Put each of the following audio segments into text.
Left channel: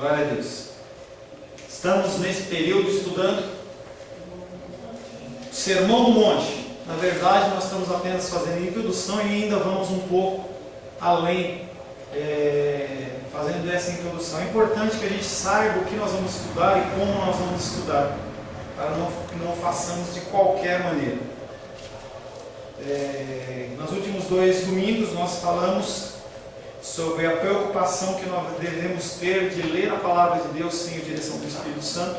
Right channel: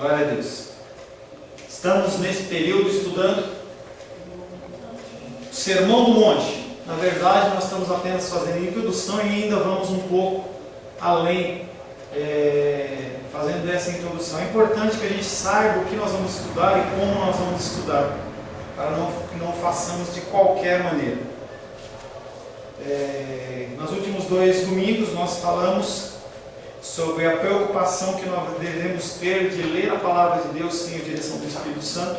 Glória a Deus. Estamos nesse período estudando o Sermão do Monte. Na verdade, nós estamos apenas fazendo introdução e ainda vamos um pouco além, fazendo essa introdução. É importante que a gente saiba o que nós vamos estudar e como nós vamos estudar, para que não façamos de qualquer maneira. Nos últimos 2 domingos nós falamos sobre a preocupação que nós devemos ter de ler a palavra de Deus sem a direção do Espírito Santo,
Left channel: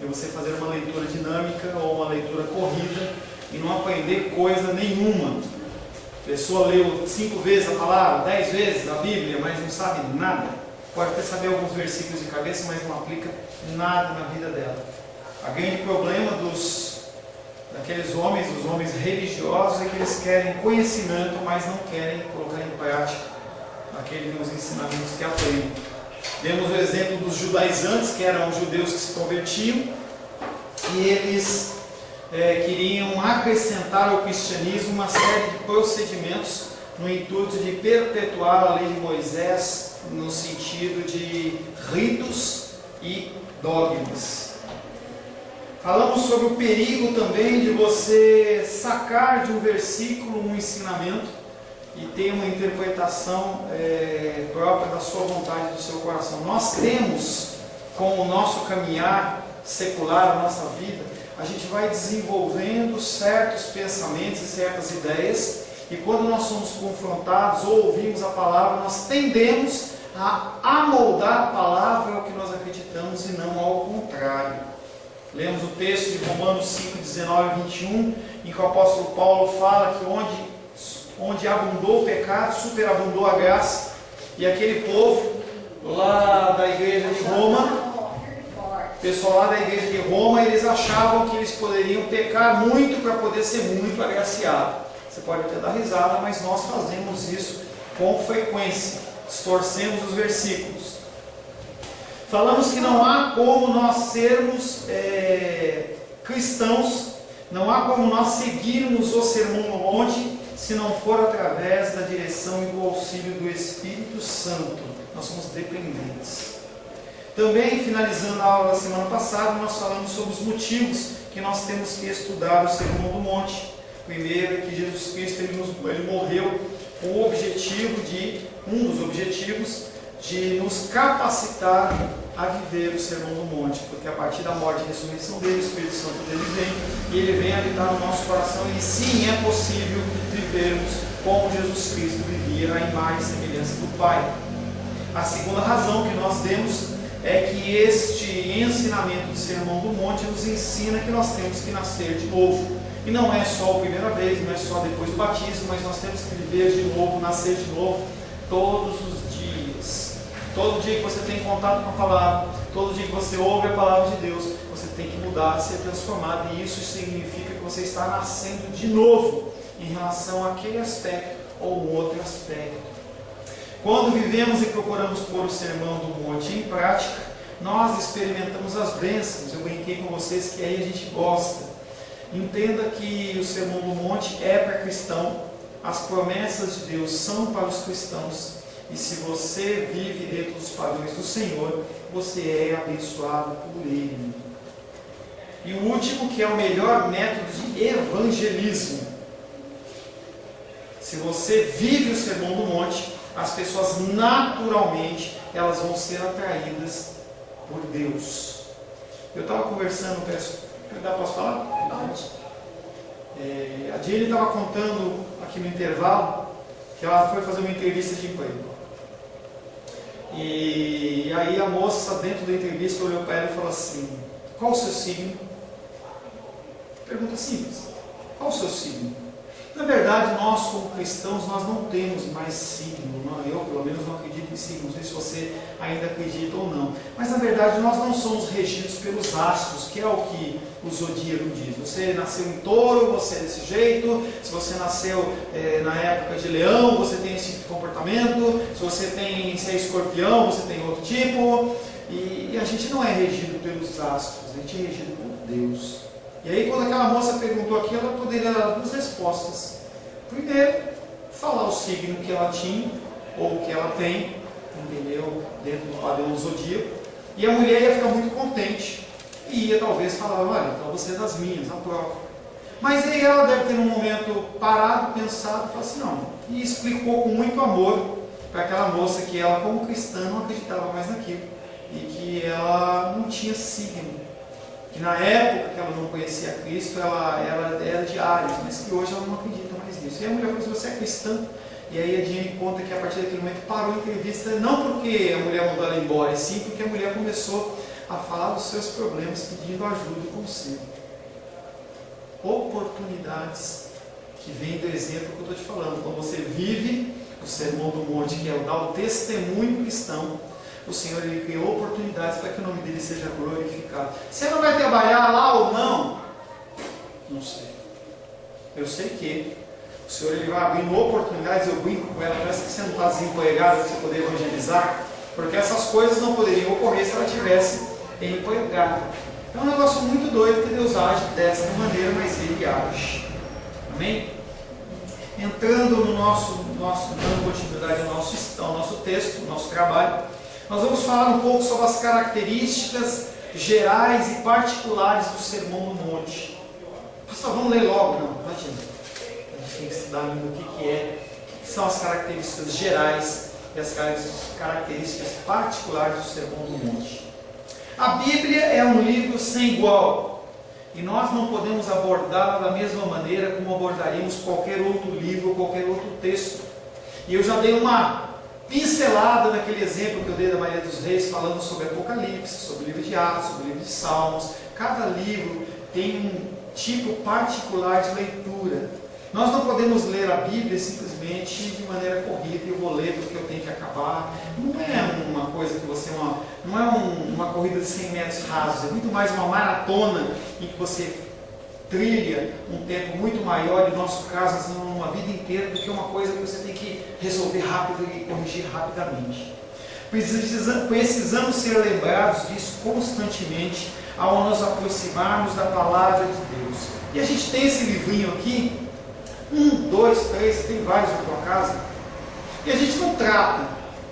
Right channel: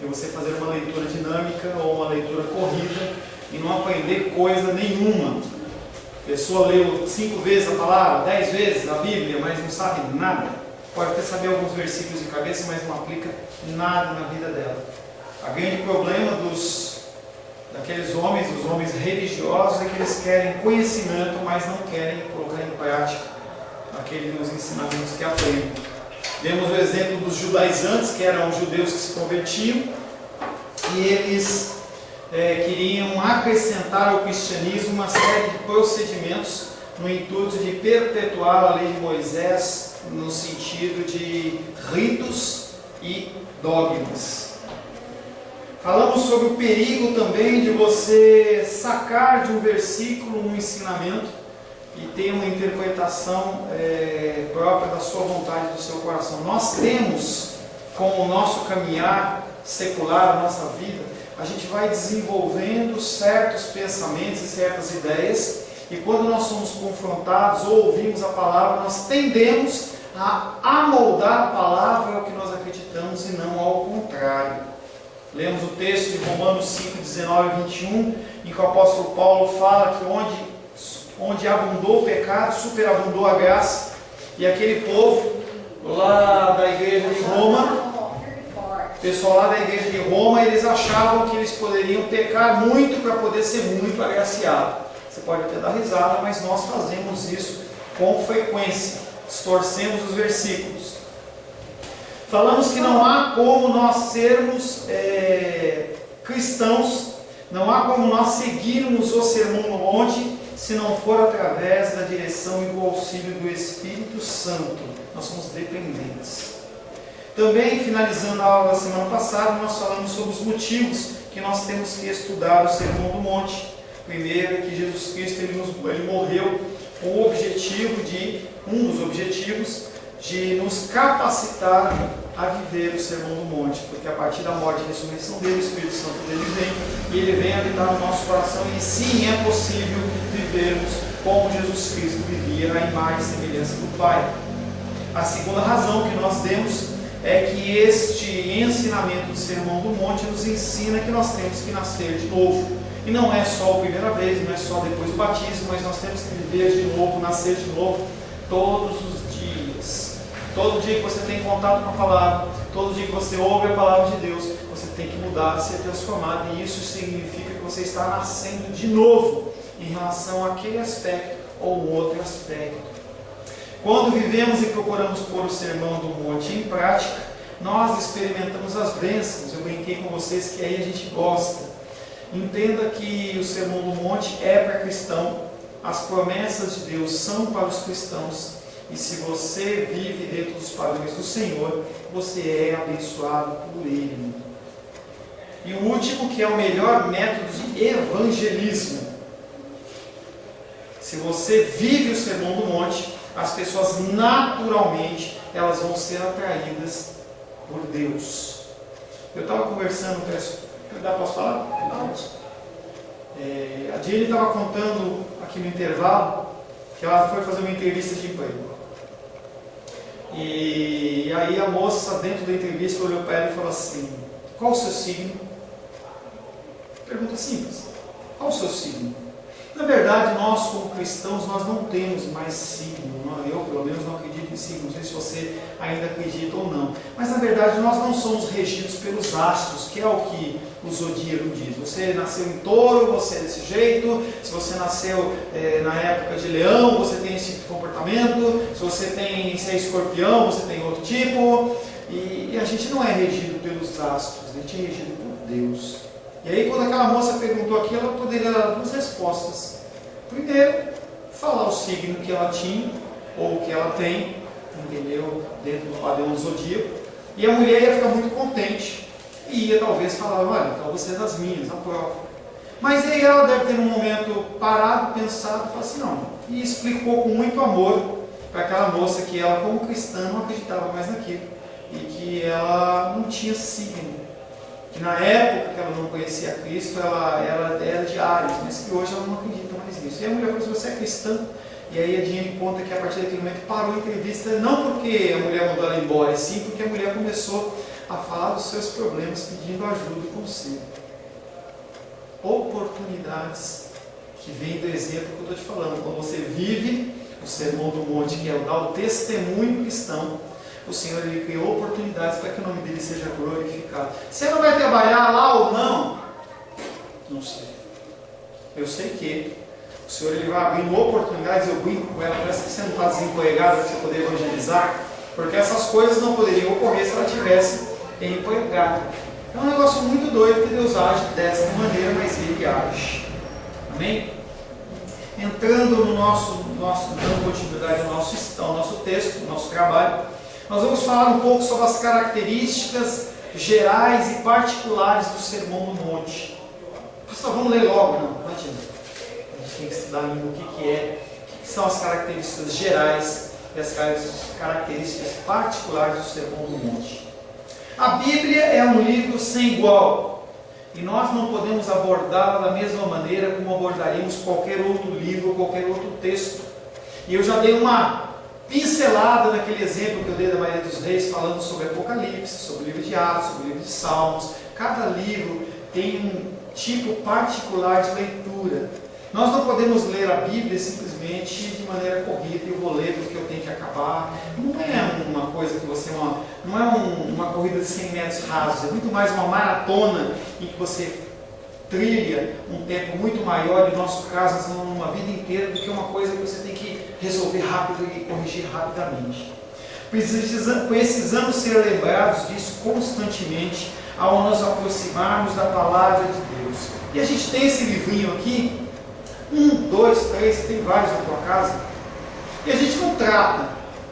e você fazer uma leitura dinâmica ou uma leitura corrida e não aprender coisa nenhuma. A pessoa leu 5 vezes a palavra, 10 vezes a Bíblia, mas não sabe nada. Pode até saber alguns versículos de cabeça, mas não aplica nada na vida dela. O grande problema daqueles homens, os homens religiosos, é que eles querem conhecimento, mas não querem colocar em prática aqueles ensinamentos que aprendem. Vemos o exemplo dos judaizantes, que eram os judeus que se convertiam, e eles queriam acrescentar ao cristianismo uma série de procedimentos no intuito de perpetuar a lei de Moisés no sentido de ritos e dogmas. Falamos sobre o perigo também de você sacar de um versículo um ensinamento e ter uma interpretação própria da sua vontade, do seu coração. Nós temos, com o nosso caminhar secular, a nossa vida, a gente vai desenvolvendo certos pensamentos e certas ideias, e quando nós somos confrontados ou ouvimos a palavra, nós tendemos a amoldar a palavra ao que nós acreditamos e não ao contrário. Lemos o texto de Romanos 5, 19 e 21, em que o apóstolo Paulo fala que onde abundou o pecado, superabundou a graça. E aquele povo lá da igreja de Roma, o pessoal lá da igreja de Roma, eles achavam que eles poderiam pecar muito para poder ser muito agraciado. Você pode até dar risada, mas nós fazemos isso com frequência, distorcemos os versículos. Falamos que não há como nós sermos cristãos, não há como nós seguirmos o Sermão do Monte se não for através da direção e do auxílio do Espírito Santo. Nós somos dependentes. Também, finalizando a aula da semana passada, nós falamos sobre os motivos que nós temos que estudar o Sermão do Monte. Primeiro é que Jesus Cristo ele morreu com o objetivo um dos objetivos de nos capacitar a viver o Sermão do Monte, porque a partir da morte e ressurreição dele, o Espírito Santo dele vem, e ele vem habitar no nosso coração, e sim, é possível vivermos como Jesus Cristo vivia, na imagem e semelhança do Pai. A segunda razão que nós demos é que este ensinamento do Sermão do Monte nos ensina que nós temos que nascer de novo. E não é só a primeira vez, não é só depois do batismo, mas nós temos que viver de novo, nascer de novo, todos os dias. Todo dia que você tem contato com a palavra, todo dia que você ouve a palavra de Deus, você tem que mudar, ser transformado, e isso significa que você está nascendo de novo em relação àquele aspecto ou um outro aspecto. Quando vivemos e procuramos pôr o Sermão do Monte em prática, nós experimentamos as bênçãos. Eu brinquei com vocês que aí a gente gosta. Entenda que o Sermão do Monte é para cristão, as promessas de Deus são para os cristãos, e se você vive dentro dos padrões do Senhor, você é abençoado por Ele. E o último, que é o melhor método de evangelismo. Se você vive o Sermão do Monte, as pessoas naturalmente elas vão ser atraídas por Deus. Eu estava conversando, posso falar? A Jenny estava contando aqui no intervalo que ela foi fazer uma entrevista de emprego. E aí a moça, dentro da entrevista, olhou para ela e falou assim: qual o seu signo? Pergunta simples. Qual o seu signo? Na verdade, nós como cristãos, nós não temos mais signo. Eu, pelo menos, não acredito em signo. Não sei se você ainda acredita ou não. Mas, na verdade, nós não somos regidos pelos astros, que é o que o zodíaco diz. Você nasceu em touro, você é desse jeito. Se você nasceu na época de leão, você tem esse tipo de comportamento. Se é escorpião, você tem outro tipo. E a gente não é regido pelos astros, a gente é regido por Deus. E aí, quando aquela moça perguntou aquilo, ela poderia dar 2 respostas. Primeiro, falar o signo que ela tinha, ou que ela tem, entendeu? Dentro do padrão do zodíaco. E a mulher ia ficar muito contente e ia talvez falar, olha, então você é das minhas, aprova. Mas aí ela deve ter num momento parado, pensado, e falado assim, não. E explicou com muito amor para aquela moça que ela, como cristã, não acreditava mais naquilo. E que ela não tinha signo. Que na época que ela não conhecia Cristo, ela era de Áries, mas que hoje ela não acredita mais nisso. E a mulher falou assim, você é cristã? E aí a Diane conta que a partir daquele momento parou a entrevista, não porque a mulher mandou ela embora, e sim porque a mulher começou a falar dos seus problemas, pedindo ajuda e conselho. Oportunidades que vêm do exemplo que eu estou te falando. Quando você vive o Sermão do Monte, que é o dar o testemunho cristão, o Senhor ele criou oportunidades para que o nome dele seja glorificado. Você não vai trabalhar lá ou não? Não sei. Eu sei que o Senhor ele vai abrindo oportunidades. Eu brinco com ela, parece que você não está desempregado para você poder evangelizar, porque essas coisas não poderiam ocorrer se ela tivesse empregada. É um negócio muito doido que Deus age dessa maneira, mas Ele age. Amém? Entrando no dando continuidade ao nosso texto, ao nosso trabalho, nós vamos falar um pouco sobre as características gerais e particulares do Sermão do Monte. Pastor, vamos ler logo? Não adianta. A gente tem que estudar ainda o que são as características gerais e as características particulares do Sermão do Monte. A Bíblia é um livro sem igual, e nós não podemos abordá-la da mesma maneira como abordaríamos qualquer outro livro ou qualquer outro texto. E eu já dei uma pincelada naquele exemplo que eu dei da Maria dos Reis, falando sobre Apocalipse, sobre o livro de Atos, sobre o livro de Salmos. Cada livro tem um tipo particular de leitura. Nós não podemos ler a Bíblia simplesmente de maneira corrida, e eu vou ler porque eu tenho que acabar. Não é uma coisa que você... não é uma corrida de 100 metros rasos, é muito mais uma maratona em que você trilha um tempo muito maior, em nosso caso, uma vida inteira, do que uma coisa que você tem que resolver rápido e corrigir rapidamente. Precisamos ser lembrados disso constantemente ao nos aproximarmos da palavra de Deus. E a gente tem esse livrinho aqui, 1, 2, 3, tem vários na tua casa, e a gente não trata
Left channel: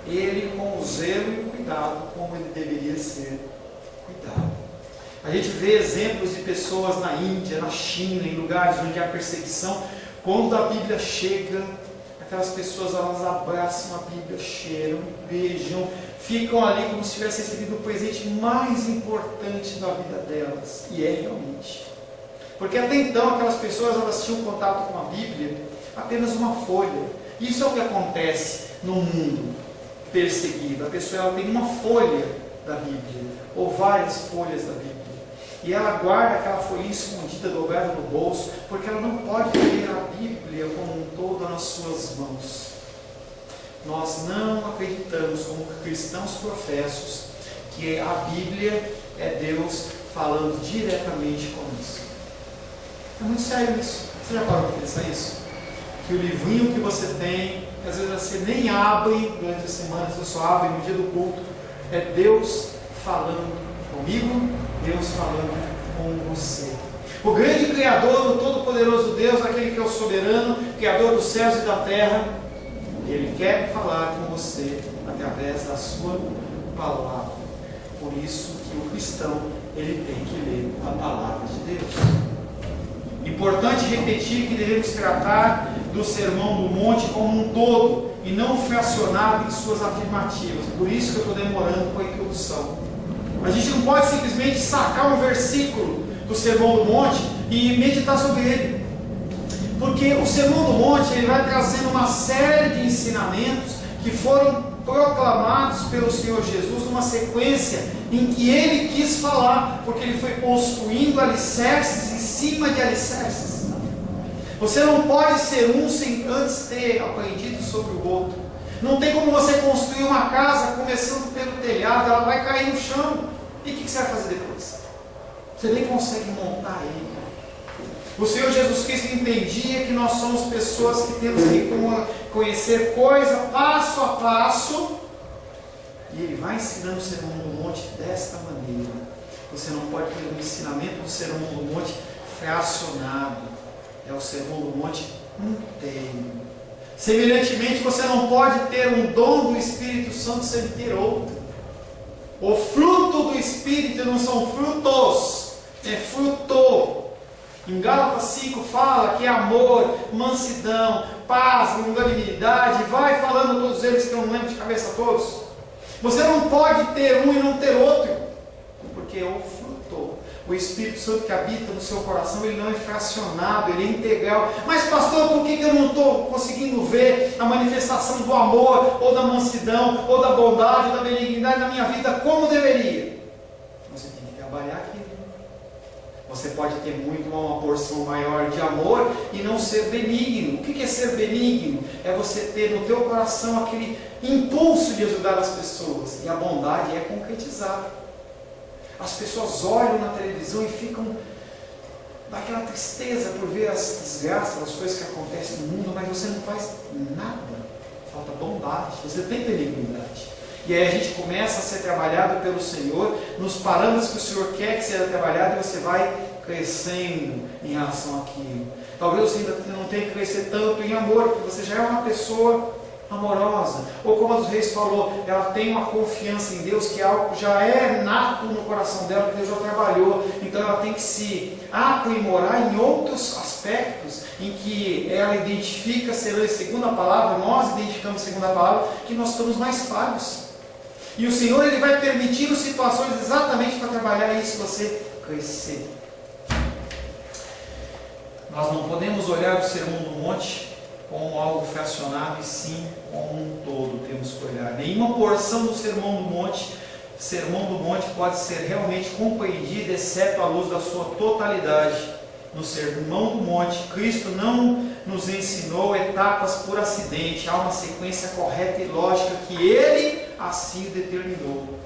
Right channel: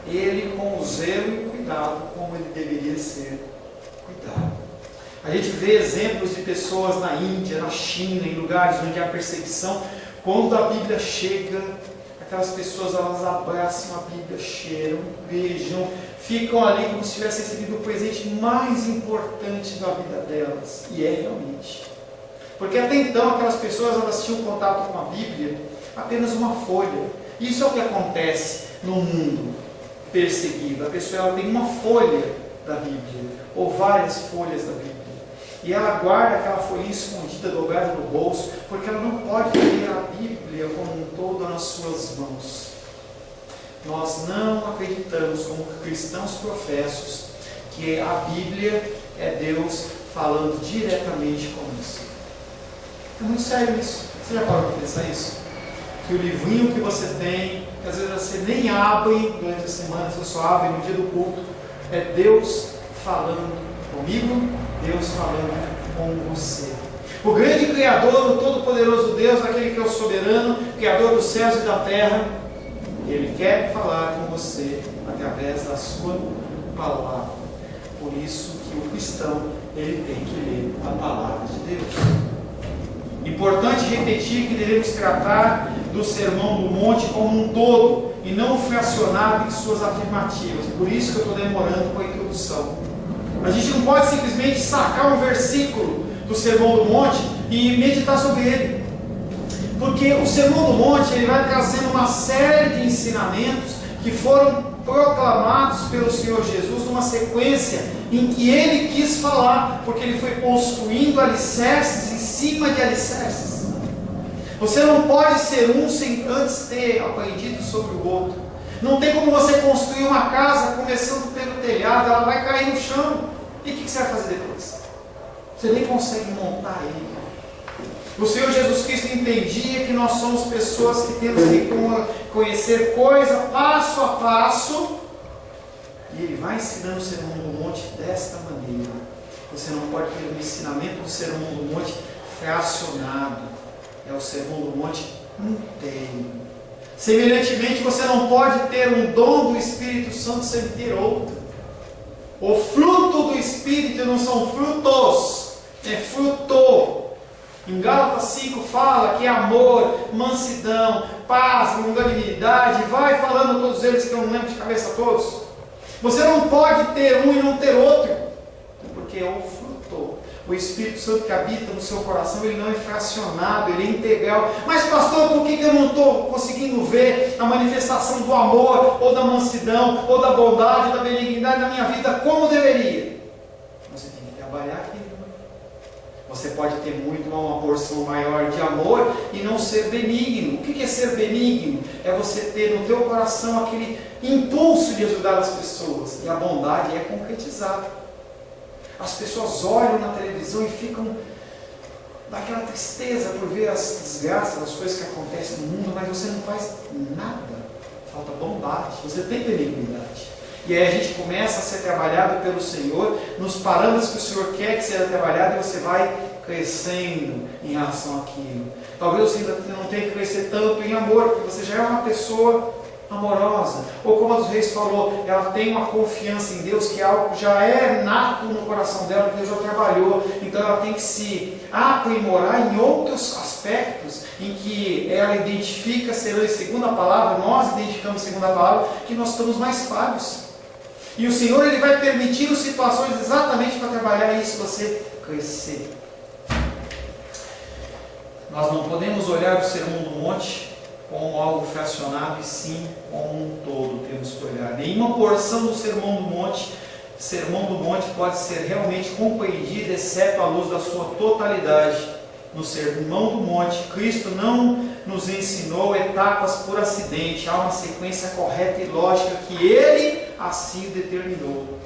ele com o zelo e o cuidado como ele deveria ser cuidado. A gente vê exemplos de pessoas na Índia, na China, em lugares onde há perseguição. Quando a Bíblia chega, aquelas pessoas elas abraçam a Bíblia, cheiram, beijam, ficam ali como se tivessem recebido o presente mais importante da vida delas. E é realmente. Porque até então aquelas pessoas elas tinham contato com a Bíblia apenas uma folha. Isso é o que acontece no mundo perseguido. A pessoa ela tem uma folha da Bíblia, ou várias folhas da Bíblia. E ela guarda aquela folhinha escondida, dobrada no bolso, porque ela não pode ter a Bíblia como um todo nas suas mãos. Nós não acreditamos, como cristãos professos, que a Bíblia é Deus falando diretamente conosco. É muito sério isso. Você já parou para pensar isso? Que o livrinho que você tem, que às vezes você nem abre durante a semana, você só abre no dia do culto, é Deus falando comigo, Deus falando com você. O grande Criador, o Todo-Poderoso Deus, aquele que é o soberano, Criador dos céus e da terra, Ele quer falar com você através da sua palavra. Por isso que o cristão, ele tem que ler a palavra de Deus. Importante repetir que devemos tratar do Sermão do Monte como um todo, e não fracionado em suas afirmativas. Por isso que eu estou demorando com a introdução. A gente não pode simplesmente sacar um versículo do Sermão do Monte e meditar sobre ele. Porque o Sermão do Monte ele vai trazendo uma série de ensinamentos que foram proclamados pelo Senhor Jesus numa sequência em que Ele quis falar, porque Ele foi construindo alicerces em cima de alicerces. Você não pode ser um sem antes ter aprendido sobre o outro. Não tem como você construir uma casa começando pelo telhado, ela vai cair no chão. E o que você vai fazer depois? Você nem consegue montar ele. O Senhor Jesus Cristo entendia que nós somos pessoas que temos que conhecer coisa passo a passo. E Ele vai ensinando o Sermão do Monte desta maneira. Você não pode ter um ensinamento do Sermão do Monte fracionado. É o Sermão do Monte inteiro. Semelhantemente, você não pode ter um dom do Espírito Santo sem ter outro. O fruto do Espírito não são frutos, é fruto. Em Gálatas 5 fala que é amor, mansidão, paz, longanimidade, vai falando todos eles que eu não lembro de cabeça todos. Você não pode ter um e não ter outro, porque é o fruto. O Espírito Santo que habita no seu coração, ele não é fracionado, ele é integral. Mas pastor, por que eu não estou conseguindo ver a manifestação do amor, ou da mansidão, ou da bondade, ou da benignidade na minha vida como deveria? Você tem que trabalhar aquilo. Você pode ter muito uma porção maior de amor e não ser benigno. O que é ser benigno? É você ter no teu coração aquele impulso de ajudar as pessoas. E a bondade é concretizar. As pessoas olham na televisão e ficam daquela tristeza por ver as desgraças, as coisas que acontecem no mundo, mas você não faz nada. Falta bondade, você tem benignidade. E aí a gente começa a ser trabalhado pelo Senhor, nos parâmetros que o Senhor quer que seja trabalhado, e você vai crescendo em relação àquilo. Talvez você ainda não tenha que crescer tanto em amor, porque você já é uma pessoa amorosa. Ou como a dos Reis falou, ela tem uma confiança em Deus, que é algo que já é nato no coração dela, que Deus já trabalhou. Então ela tem que se aprimorar em outros aspectos, em que ela identifica, segundo a palavra, nós identificamos segundo a palavra, que nós estamos mais falhos. E o Senhor, ele vai permitindo situações exatamente para trabalhar isso, você crescer. Nós não podemos olhar o Sermão do Monte como algo fracionado, e sim como um todo temos que olhar. Nenhuma porção do Sermão do Monte pode ser realmente compreendida, exceto à luz da sua totalidade. No Sermão do Monte, Cristo não nos ensinou etapas por acidente, há uma sequência correta e lógica que Ele assim determinou.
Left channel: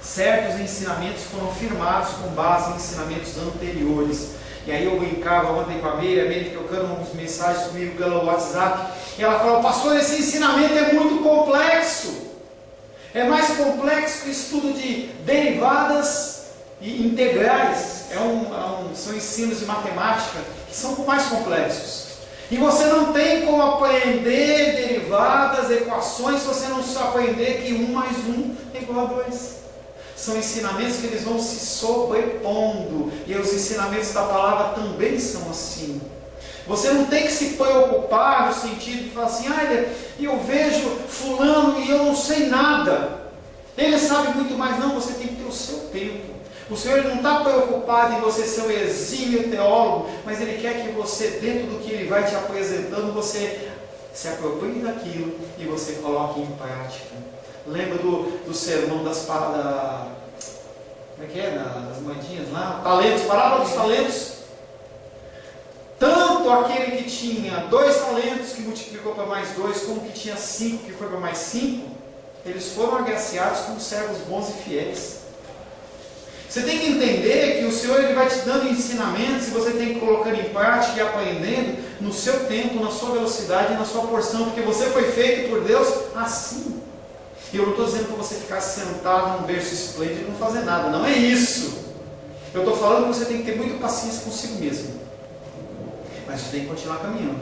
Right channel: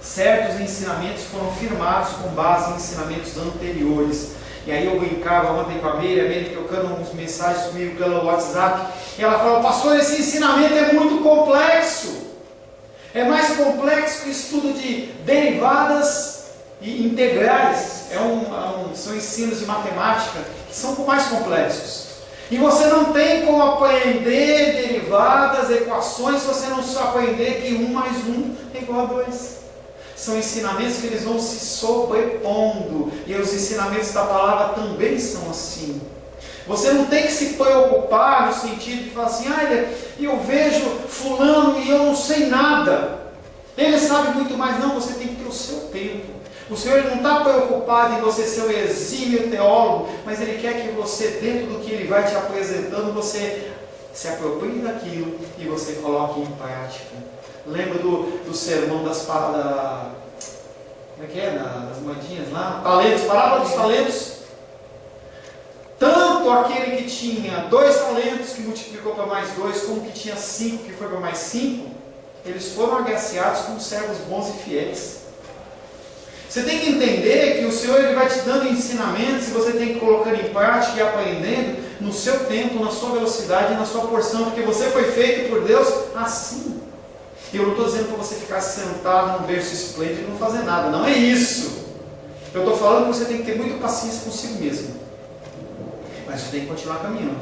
Certos ensinamentos foram firmados com base em ensinamentos anteriores. E aí eu brincava ontem com a Meire trocando algumas mensagens comigo pelo WhatsApp, e ela falou: pastor, esse ensinamento é muito complexo. É mais complexo que o estudo de derivadas e integrais. São ensinos de matemática que são mais complexos. E você não tem como aprender derivadas, equações, se você não só aprender que 1 mais 1 é igual a 2. São ensinamentos que eles vão se sobrepondo. E os ensinamentos da palavra também são assim. Você não tem que se preocupar no sentido de falar assim: eu vejo fulano e eu não sei nada. Ele sabe muito mais. Não, você tem que ter o seu tempo. O Senhor não está preocupado em você ser um exímio teólogo, mas Ele quer que você, dentro do que Ele vai te apresentando, você se aproprie daquilo e você coloque em prática. Lembra do sermão das moedinhas lá? Talentos, parábola dos talentos. Tanto aquele que tinha 2 talentos, que multiplicou para mais 2, como que tinha 5, que foi para mais 5, eles foram agraciados como servos bons e fiéis. Você tem que entender que o Senhor, ele vai te dando ensinamentos, e você tem que ir colocando em prática e aprendendo no seu tempo, na sua velocidade e na sua porção, porque você foi feito por Deus assim. E eu não estou dizendo para você ficar sentado num berço esplêndido e não fazer nada, não é isso. Eu estou falando que você tem que ter muita paciência consigo mesmo, mas você tem que continuar caminhando.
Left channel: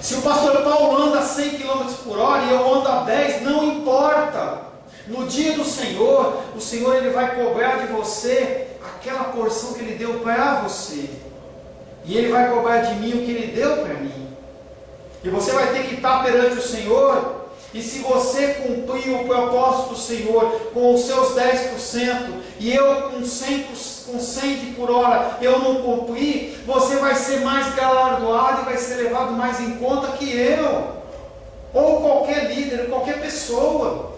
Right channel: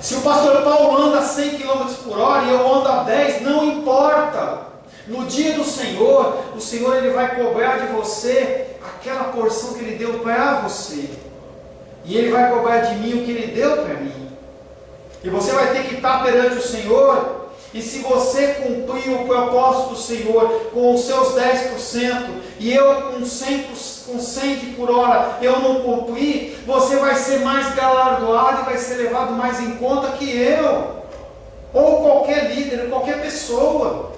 Se o pastor Paulo anda a 100 km por hora e eu ando a 10, não importa. No dia do Senhor, o Senhor, ele vai cobrar de você aquela porção que Ele deu para você. E Ele vai cobrar de mim o que Ele deu para mim. E você vai ter que estar perante o Senhor. E se você cumprir o propósito do Senhor com os seus 10%, e eu com 100 por hora eu não cumprir, você vai ser mais galardoado e vai ser levado mais em conta que eu. Ou qualquer líder, qualquer pessoa.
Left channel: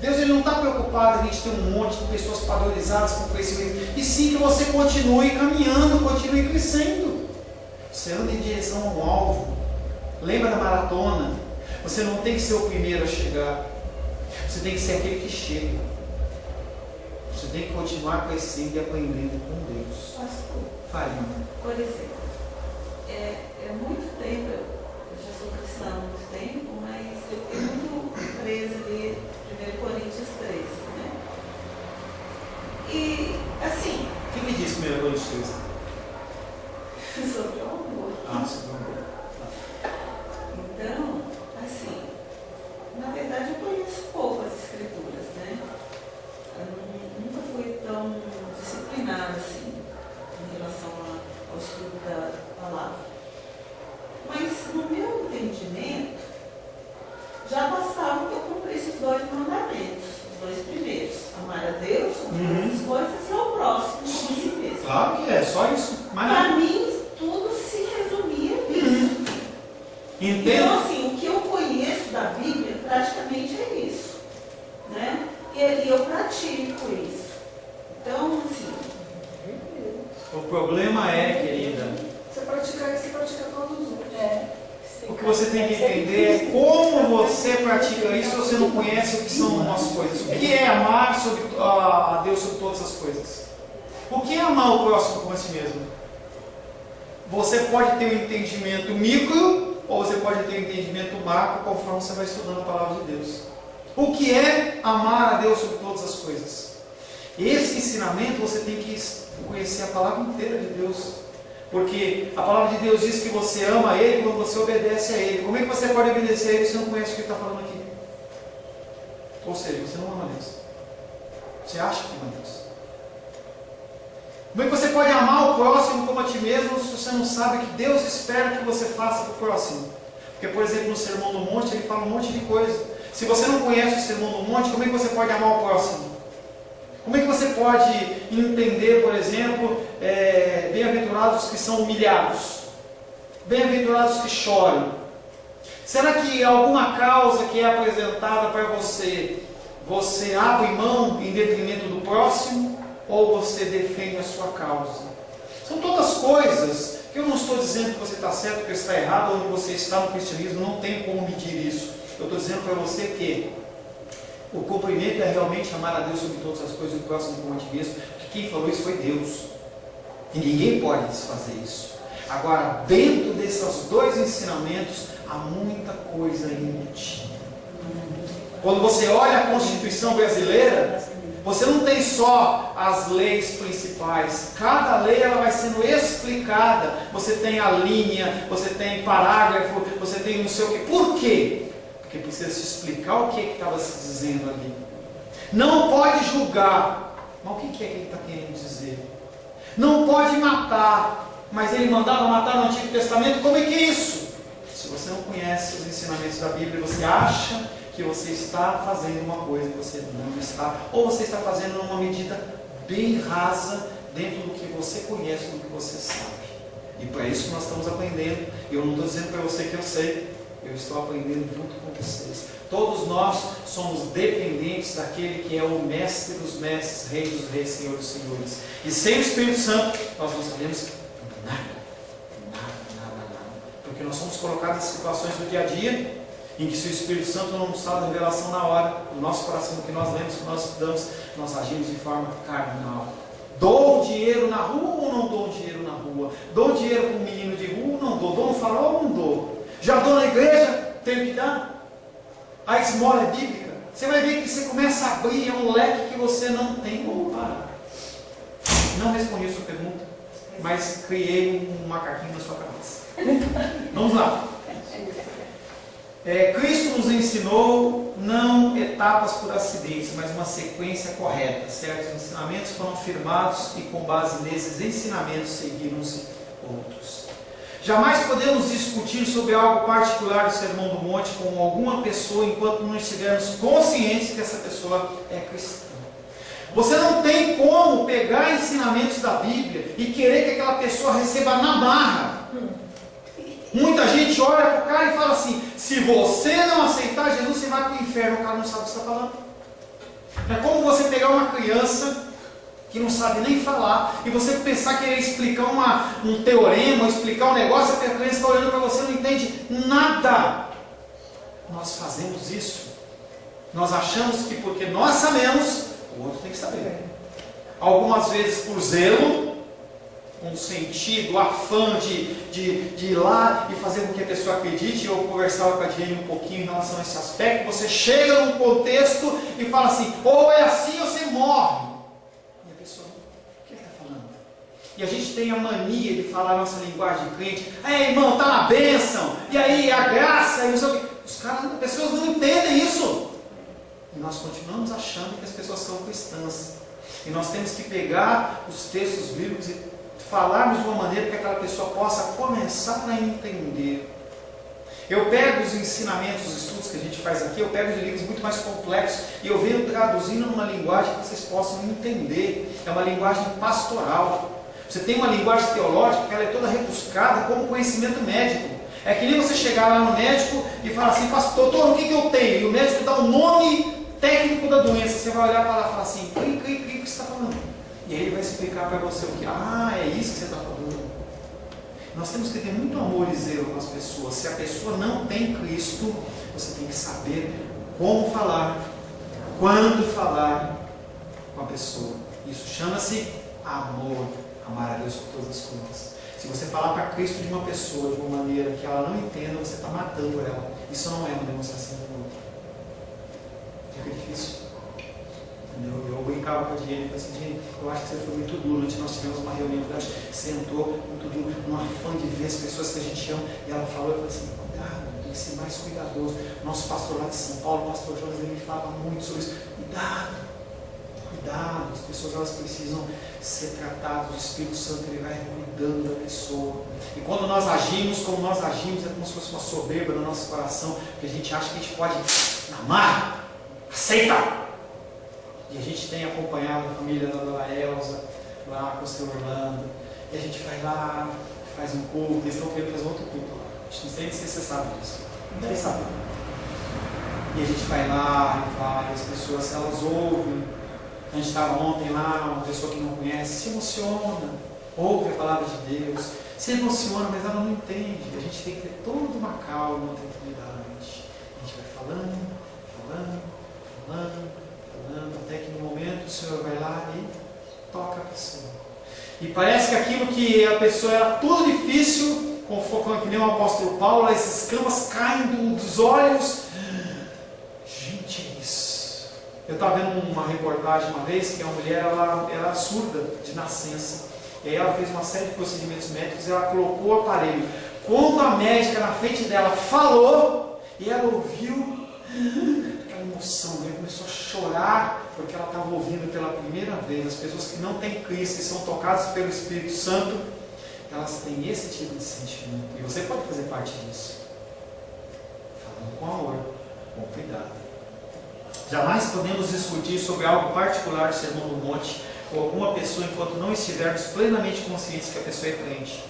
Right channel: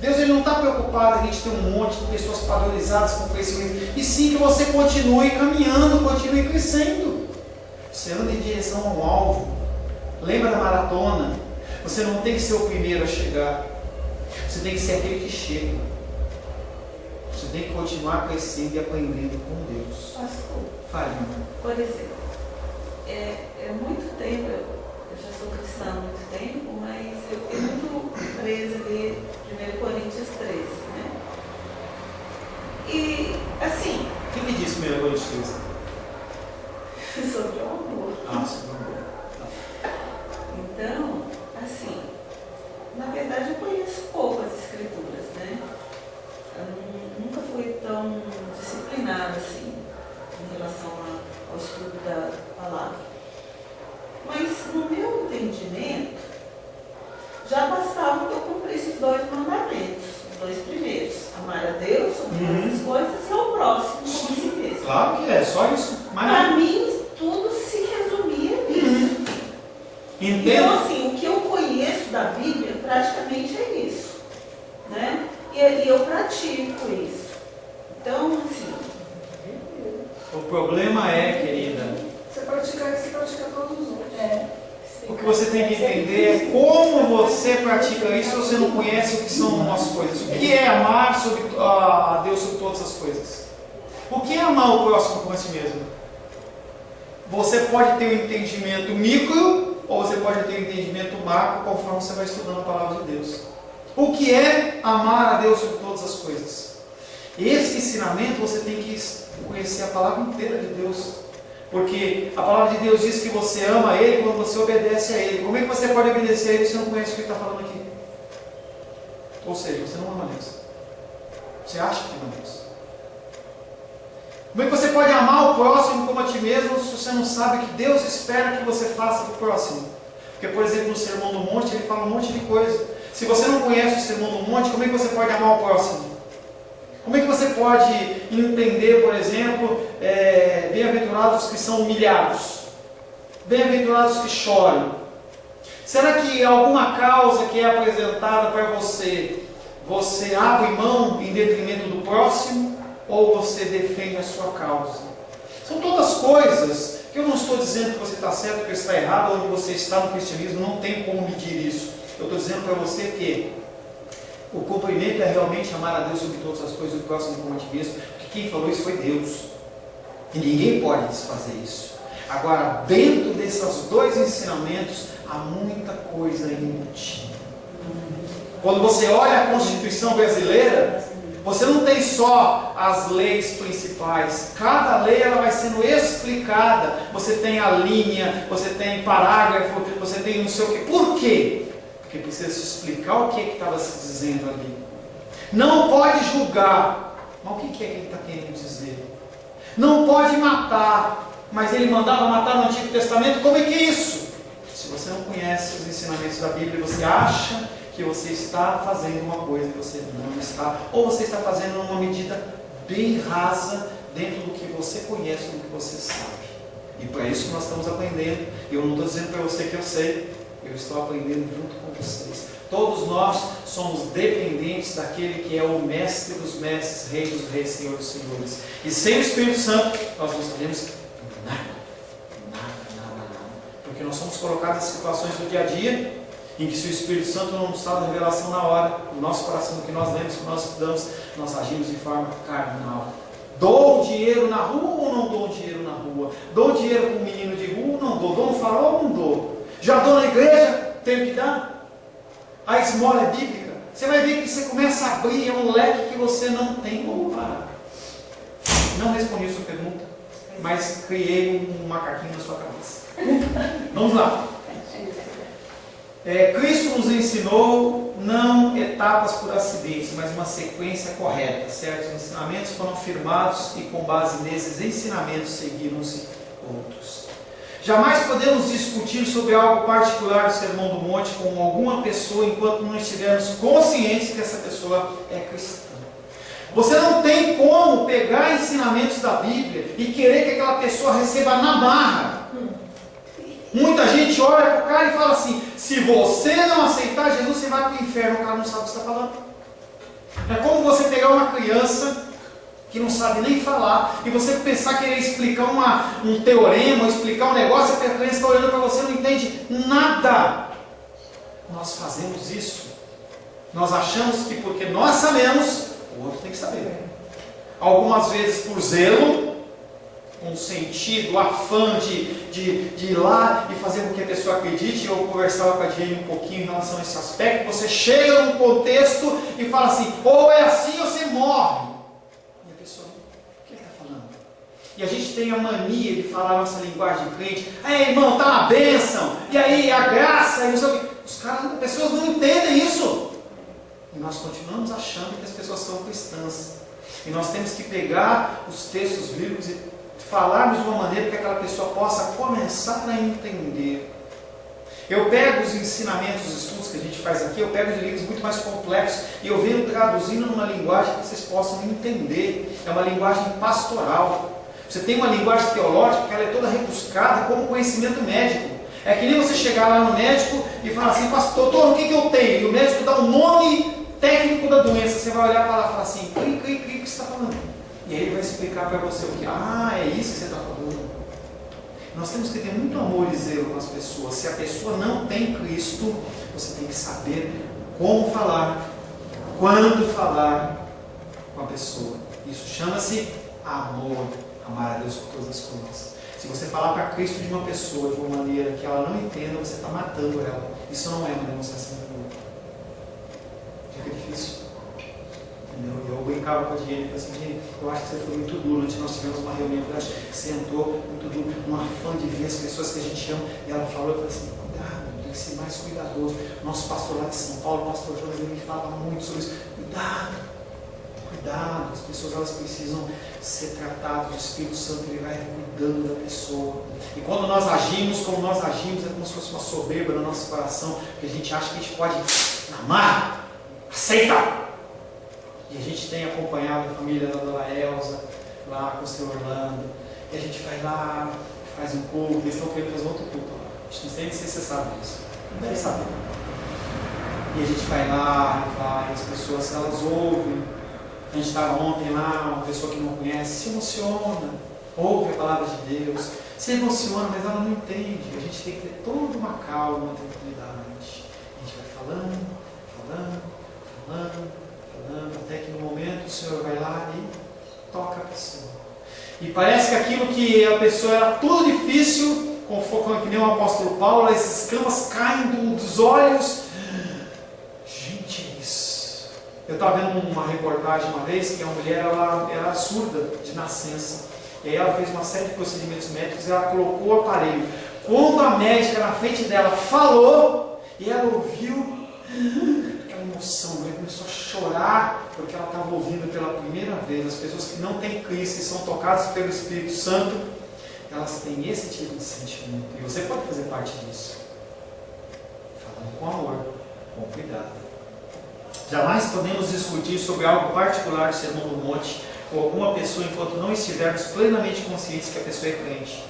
Deus, ele não está preocupado em a gente ter um monte de pessoas padronizadas com crescimento, e sim que você continue caminhando, continue crescendo. Você anda em direção ao alvo. Lembra da maratona? Você não tem que ser o primeiro a chegar, você tem que ser aquele que chega. Você tem que continuar crescendo e aprendendo com Deus. Pastor, Fale, irmão. por exemplo, é muito tempo, eu já sou cristã há muito tempo, mas eu fiquei muito presa ali, 1 Coríntios 13, né? E, assim... Quem me disse 1 Coríntios 13? Sobre o amor. Sobre o amor. Então, É só isso. Para mim, tudo se resumia nisso. Então, assim, o que eu conheço da Bíblia praticamente é isso, né? E eu pratico isso. Então, assim... O problema é, querida... Você pratica isso, você pratica todos os outros. O que você tem que entender é como você pratica isso se você não conhece o que são as coisas. O que é amar a Deus sobre todas as coisas? O que é amar o próximo como a si mesmo? Você pode ter um entendimento micro ou você pode ter um entendimento macro conforme você vai estudando a palavra de Deus. O que é amar a Deus sobre todas as coisas? Esse ensinamento você tem que conhecer a palavra inteira de Deus. Porque a palavra de Deus diz que você ama Ele quando você obedece a Ele. Como é que você pode obedecer a Ele se você não conhece o que Ele está falando aqui? Ou seja, você não ama Deus. Você acha que ama Deus. Como é que você pode amar o próximo como a ti mesmo se você não sabe o que Deus espera que você faça para o próximo? Porque, por exemplo, no Sermão do Monte, ele fala um monte de coisa. Se você não conhece o Sermão do Monte, como é que você pode amar o próximo? Como é que você pode entender, por exemplo, bem-aventurados que são humilhados? Bem-aventurados que choram? Será que alguma causa que é apresentada para você, você abre mão em detrimento do próximo? Ou você defende a sua causa? São todas coisas que eu não estou dizendo que você está certo ou que está errado, onde você está no cristianismo, não tem como medir isso. Eu estou dizendo para você que o cumprimento é realmente amar a Deus sobre todas as coisas, o próximo como a ti mesmo, porque quem falou isso foi Deus. E ninguém pode desfazer isso. Agora, dentro desses dois ensinamentos, há muita coisa embutida. Quando você olha a Constituição brasileira, você não tem só as leis principais. Cada lei ela vai sendo explicada. Você tem a linha, você tem parágrafo, você tem não sei o quê. Por quê? Porque precisa se explicar o que estava se dizendo ali. Não pode julgar. Mas o que é que ele está querendo dizer? Não pode matar. Mas ele mandava matar no Antigo Testamento. Como é que é isso? Se você não conhece os ensinamentos da Bíblia, você acha que você está fazendo uma coisa que você não está, ou você está fazendo numa medida bem rasa dentro do que você conhece, do que você sabe. E para isso que nós estamos aprendendo. E eu não estou dizendo para você que eu sei, eu estou aprendendo junto com vocês. Todos nós somos dependentes daquele que é o mestre dos mestres, rei dos reis, senhor dos senhores. E sem o Espírito Santo, nós não sabemos nada. Porque nós somos colocados em situações do dia a dia, em que se o Espírito Santo não nos dá a revelação na hora, no nosso coração, do que nós lemos, que nós estudamos, nós agimos de forma carnal. Dou dinheiro na rua ou não dou dinheiro na rua? Dou dinheiro para um menino de rua ou não dou? Dou um farol ou não dou? Já dou na igreja? Tenho que dar? A esmola é bíblica? Você vai ver que você começa a abrir, é um leque que você não tem como parar. Não respondi a sua pergunta, mas criei um macaquinho na sua cabeça. Vamos lá. Cristo nos ensinou não etapas por acidentes, mas uma sequência correta, certo? Os ensinamentos foram firmados e com base nesses ensinamentos seguiram-se outros. Jamais podemos discutir sobre algo particular do Sermão do Monte com alguma pessoa enquanto não estivermos conscientes que essa pessoa é cristã. Você não tem como pegar ensinamentos da Bíblia e querer que aquela pessoa receba na marra. Muita gente olha para o cara e fala assim: se você não aceitar Jesus, você vai para o inferno. O cara não sabe o que está falando. É como você pegar uma criança que não sabe nem falar e você pensar que ele explicar um teorema, explicar um negócio, a criança está olhando para você e não entende nada. Nós fazemos isso. Nós achamos que porque nós sabemos, o outro tem que saber. Algumas vezes por zelo, um sentido, afã de ir lá e fazer com que a pessoa acredite. Eu conversava com a Diane um pouquinho em relação a esse aspecto. Você chega num contexto e fala assim: ou é assim ou você morre. E a pessoa, o que ele está falando? E a gente tem a mania de falar a nossa linguagem de crente: ei, irmão, está na bênção, e aí a graça, e não sei o que. As pessoas não entendem isso. E nós continuamos achando que as pessoas são cristãs. E nós temos que pegar os textos bíblicos e falarmos de uma maneira que aquela pessoa possa começar a entender. Eu pego os ensinamentos, os estudos que a gente faz aqui, eu pego os livros muito mais complexos e eu venho traduzindo numa linguagem que vocês possam entender. É uma linguagem pastoral. Você tem uma linguagem teológica que ela é toda rebuscada como conhecimento médico. É que nem você chegar lá no médico e falar assim, pastor, doutor, o que eu tenho? E o médico dá um nome técnico da doença. Você vai olhar para lá e falar assim, o que você está falando? E aí ele vai explicar para você o que? É isso que você está falando. Nós temos que ter muito amor e zelo com as pessoas. Se a pessoa não tem Cristo, você tem que saber como falar, quando falar com a pessoa. Isso chama-se amor. Amar a Deus por todas as coisas. Se você falar para Cristo de uma pessoa de uma maneira que ela não entenda, você está matando ela. Isso não é uma demonstração de amor. Fica difícil. Entendeu? Eu brincava com a Diane e falei assim, Diane, eu acho que você foi muito duro. Ontem nós tivemos uma reunião, eu acho que você entrou muito duro, num afã de ver as pessoas que a gente ama. E ela falou, eu falei assim, cuidado, tem que ser mais cuidadoso. Nosso pastor lá de São Paulo, o pastor Jonas, ele me falava muito sobre isso. Cuidado. Cuidado, as pessoas elas precisam ser tratadas, o Espírito Santo ele vai cuidando da pessoa. E quando nós agimos como nós agimos, é como se fosse uma soberba no nosso coração, porque a gente acha que a gente pode amar, aceitar. E a gente tem acompanhado a família da dona Elza, lá com o seu Orlando, e a gente vai lá, faz um culto, eles estão querendo fazer outro culto. A gente não sei se você sabe disso, não deve saber. E a gente vai lá, e vai, as pessoas elas ouvem. A gente estava ontem lá, uma pessoa que não conhece, se emociona, ouve a palavra de Deus, se emociona, mas ela não entende. A gente tem que ter toda uma calma, uma tranquilidade. A gente vai falando, até que no momento o Senhor vai lá e toca a pessoa. E parece que aquilo que a pessoa era tudo difícil, como que nem o apóstolo Paulo, as escamas caem dos olhos. Eu estava vendo uma reportagem uma vez que a mulher ela era surda de nascença. E aí ela fez uma série de procedimentos médicos e ela colocou o aparelho. Quando a médica na frente dela falou, e ela ouviu aquela emoção, ela começou a chorar porque ela estava ouvindo pela primeira vez. As pessoas que não têm Cristo e são tocadas pelo Espírito Santo, elas têm esse tipo de sentimento. E você pode fazer parte disso. Falando com amor, com cuidado. Jamais podemos discutir sobre algo particular do Sermão do Monte com alguma pessoa enquanto não estivermos plenamente conscientes que a pessoa é crente.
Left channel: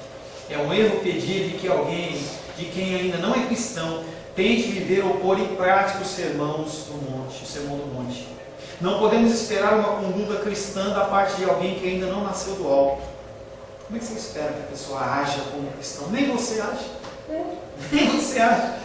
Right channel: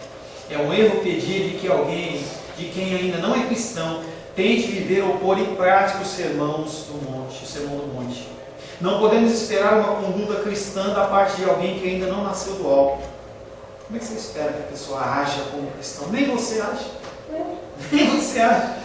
É um erro pedir de que alguém, de quem ainda não é cristão, tente viver ou pôr em prática os sermões do monte, o Sermão do Monte. Não podemos esperar uma conduta cristã da parte de alguém que ainda não nasceu do alto. Como é que você espera que a pessoa haja como cristão? Nem você age. Nem você age.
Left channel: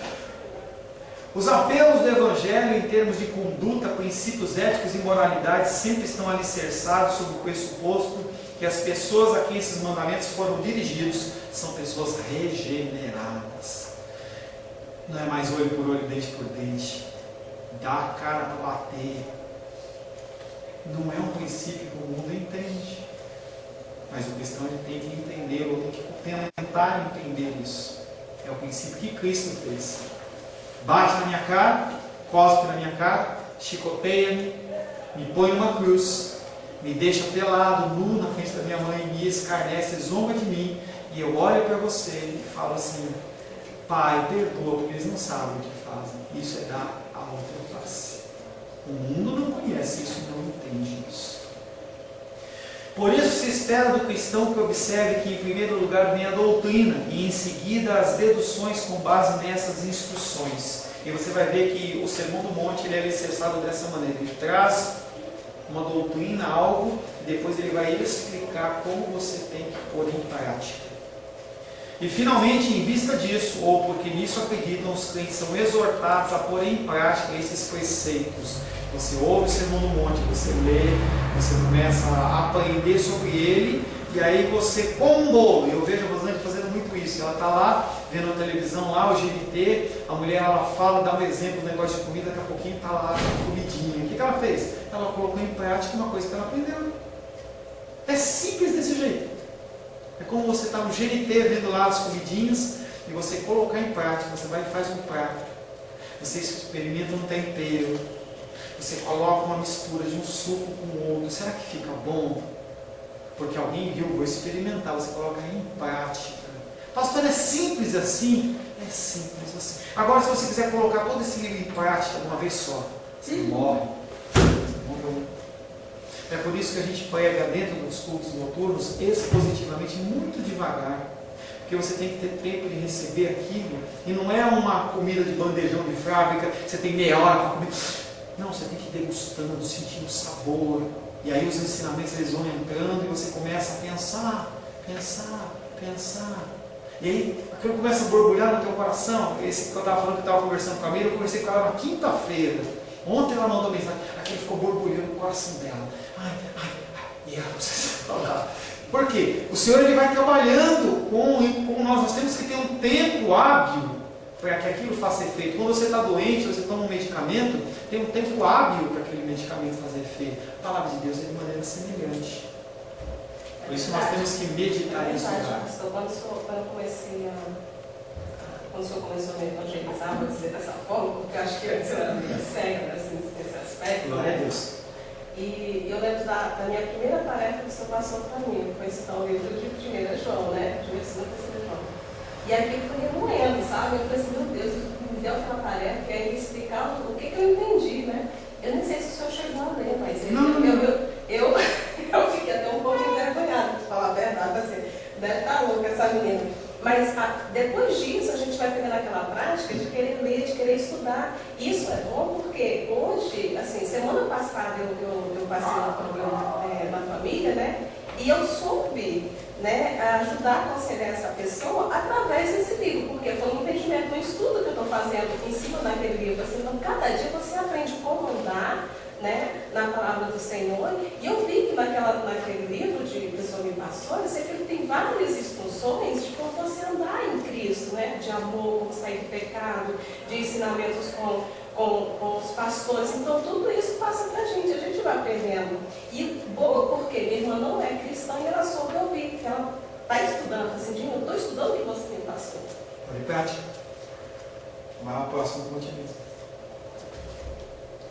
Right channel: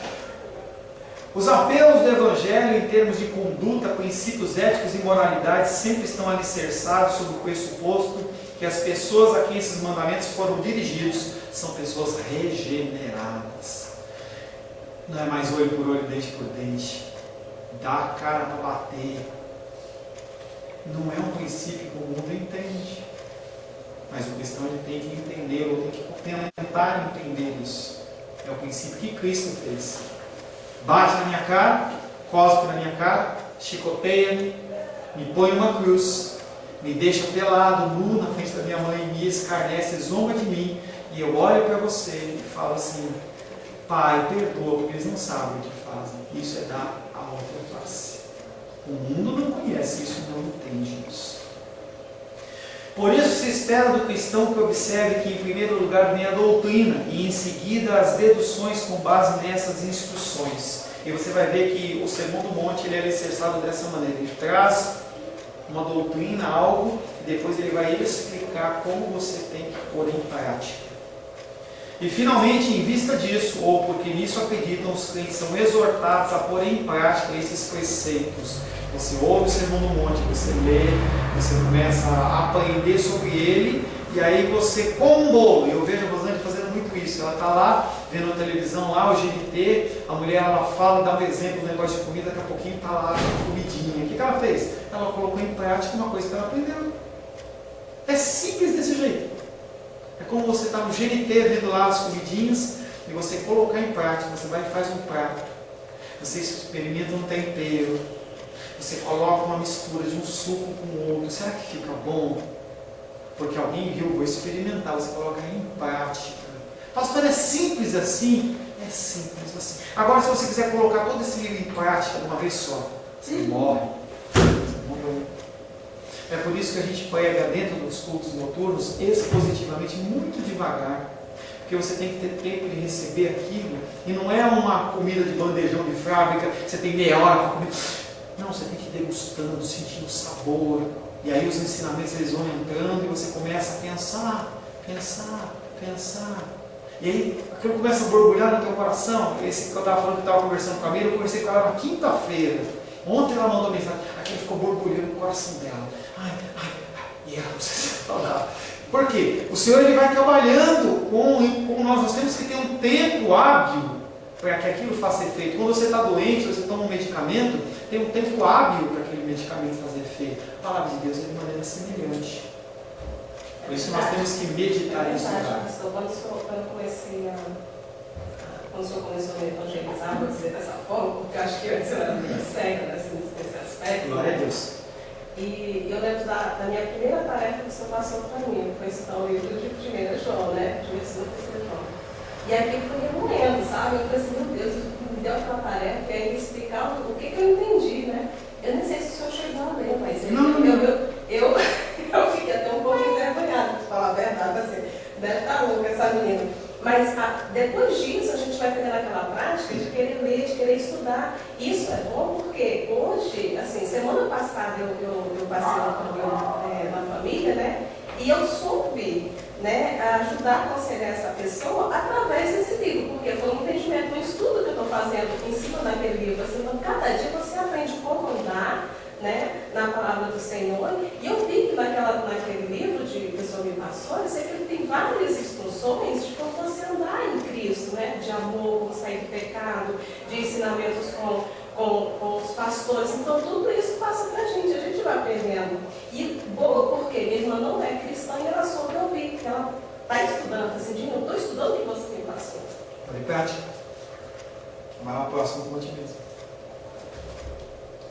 Os apelos do Evangelho em termos de conduta, princípios éticos e moralidade sempre estão alicerçados sobre o pressuposto que as pessoas a quem esses mandamentos foram dirigidos são pessoas regeneradas. Não é mais olho por olho, dente por dente. Dá a cara para bater. Não é um princípio que o mundo entende. Mas o cristão ele tem que entender, ou tem que tentar entender isso. É o princípio que Cristo fez. Bate na minha cara, cospe na minha cara, chicoteia-me, me põe uma cruz, me deixa pelado, nu na frente da minha mãe, me escarnece, zomba de mim, e eu olho para você e falo assim, Pai, perdoa, porque eles não sabem o que fazem. Isso é dar a outra face. O mundo não conhece isso, não entende isso. Por isso se espera do cristão que observe que em primeiro lugar vem a doutrina e em seguida as deduções com base nessas instruções. E você vai ver que o Sermão do Monte ele é alicerçado dessa maneira. Ele traz uma doutrina, algo, e depois ele vai explicar como você tem que pôr em prática. E finalmente, em vista disso, ou porque nisso acreditam, os crentes são exortados a pôr em prática esses preceitos. Você ouve o Sermão do Monte, você lê, você começa a aprender sobre ele, e aí você, com um bolo, eu vejo a Rosane fazendo muito isso, ela está lá, vendo a televisão lá, o GNT, a mulher ela fala, dá um exemplo do negócio de comida, daqui a pouquinho está lá a comidinha. O que ela fez? Ela colocou em prática uma coisa que ela aprendeu. É simples desse jeito. É como você está no GNT vendo lá as comidinhas, e você colocar em prática, você vai e faz um prato, você experimenta um tempero, você coloca uma mistura de um suco com o outro. Será que fica bom? Porque alguém viu, vou experimentar. Você coloca em prática. Pastor, é simples assim? É simples assim. Agora, se você quiser colocar todo esse livro em prática de uma vez só, você morre. Você morreu. É por isso que a gente prega dentro dos cultos noturnos expositivamente, muito devagar. Porque você tem que ter tempo de receber aquilo. E não é uma comida de bandejão de fábrica, você tem meia hora para comer. Não, você tem que ir degustando, sentindo o sabor. E aí os ensinamentos eles vão entrando e você começa a pensar. E aí aquilo começa a borbulhar no teu coração. Esse que eu estava falando que eu estava conversando com a Mira, eu conversei com ela na quinta-feira. Ontem ela mandou mensagem, aquilo ficou borbulhando no coração dela. E ela precisa falar. Por quê? O Senhor ele vai trabalhando com nós. Nós temos que ter um tempo hábil para que aquilo faça efeito. Quando você está doente, você toma um medicamento, tem um tempo hábil para aquele medicamento fazer efeito. A palavra de Deus é de maneira semelhante. Por isso nós temos que meditar nisso. Quando o senhor começou a me evangelizar, vou dizer dessa forma, porque eu acho que antes eu era meio cega nesse aspecto. Glória a Deus. E eu lembro da minha primeira tarefa que o senhor passou para mim, foi citar o livro de 1 João, né? 1 e 2 João. E aqui foi remoendo, sabe? Eu falei assim, meu Deus, me deu aquela tarefa e aí explicar o que eu entendi, né? Eu nem sei se o senhor chegou a ler, mas eu fiquei até um pouco envergonhada, para falar a verdade, assim, deve estar louca essa menina. Mas depois disso a gente vai pegando aquela prática de querer ler, de querer estudar. Isso é bom porque hoje, assim, semana passada eu passei um problema na família, né? E eu soube, né, ajudar a aconselhar essa pessoa através desse livro, porque foi um entendimento, um estudo que eu estou fazendo em cima daquele livro. Assim, então, cada dia você aprende como andar, né, na palavra do Senhor. E eu vi que naquele livro que o Senhor me passou, eu sei que ele tem várias instruções de como você andar em Cristo, né, de amor, como sair do pecado, de ensinamentos com os pastores. Então tudo isso passa pra gente, a gente vai aprendendo. E boa porque minha irmã não é cristã e ela soube ouvir, que ela está estudando, ela assim, eu estou estudando o que você me passou. Põe em prática. Vai lá próximo com otimismo.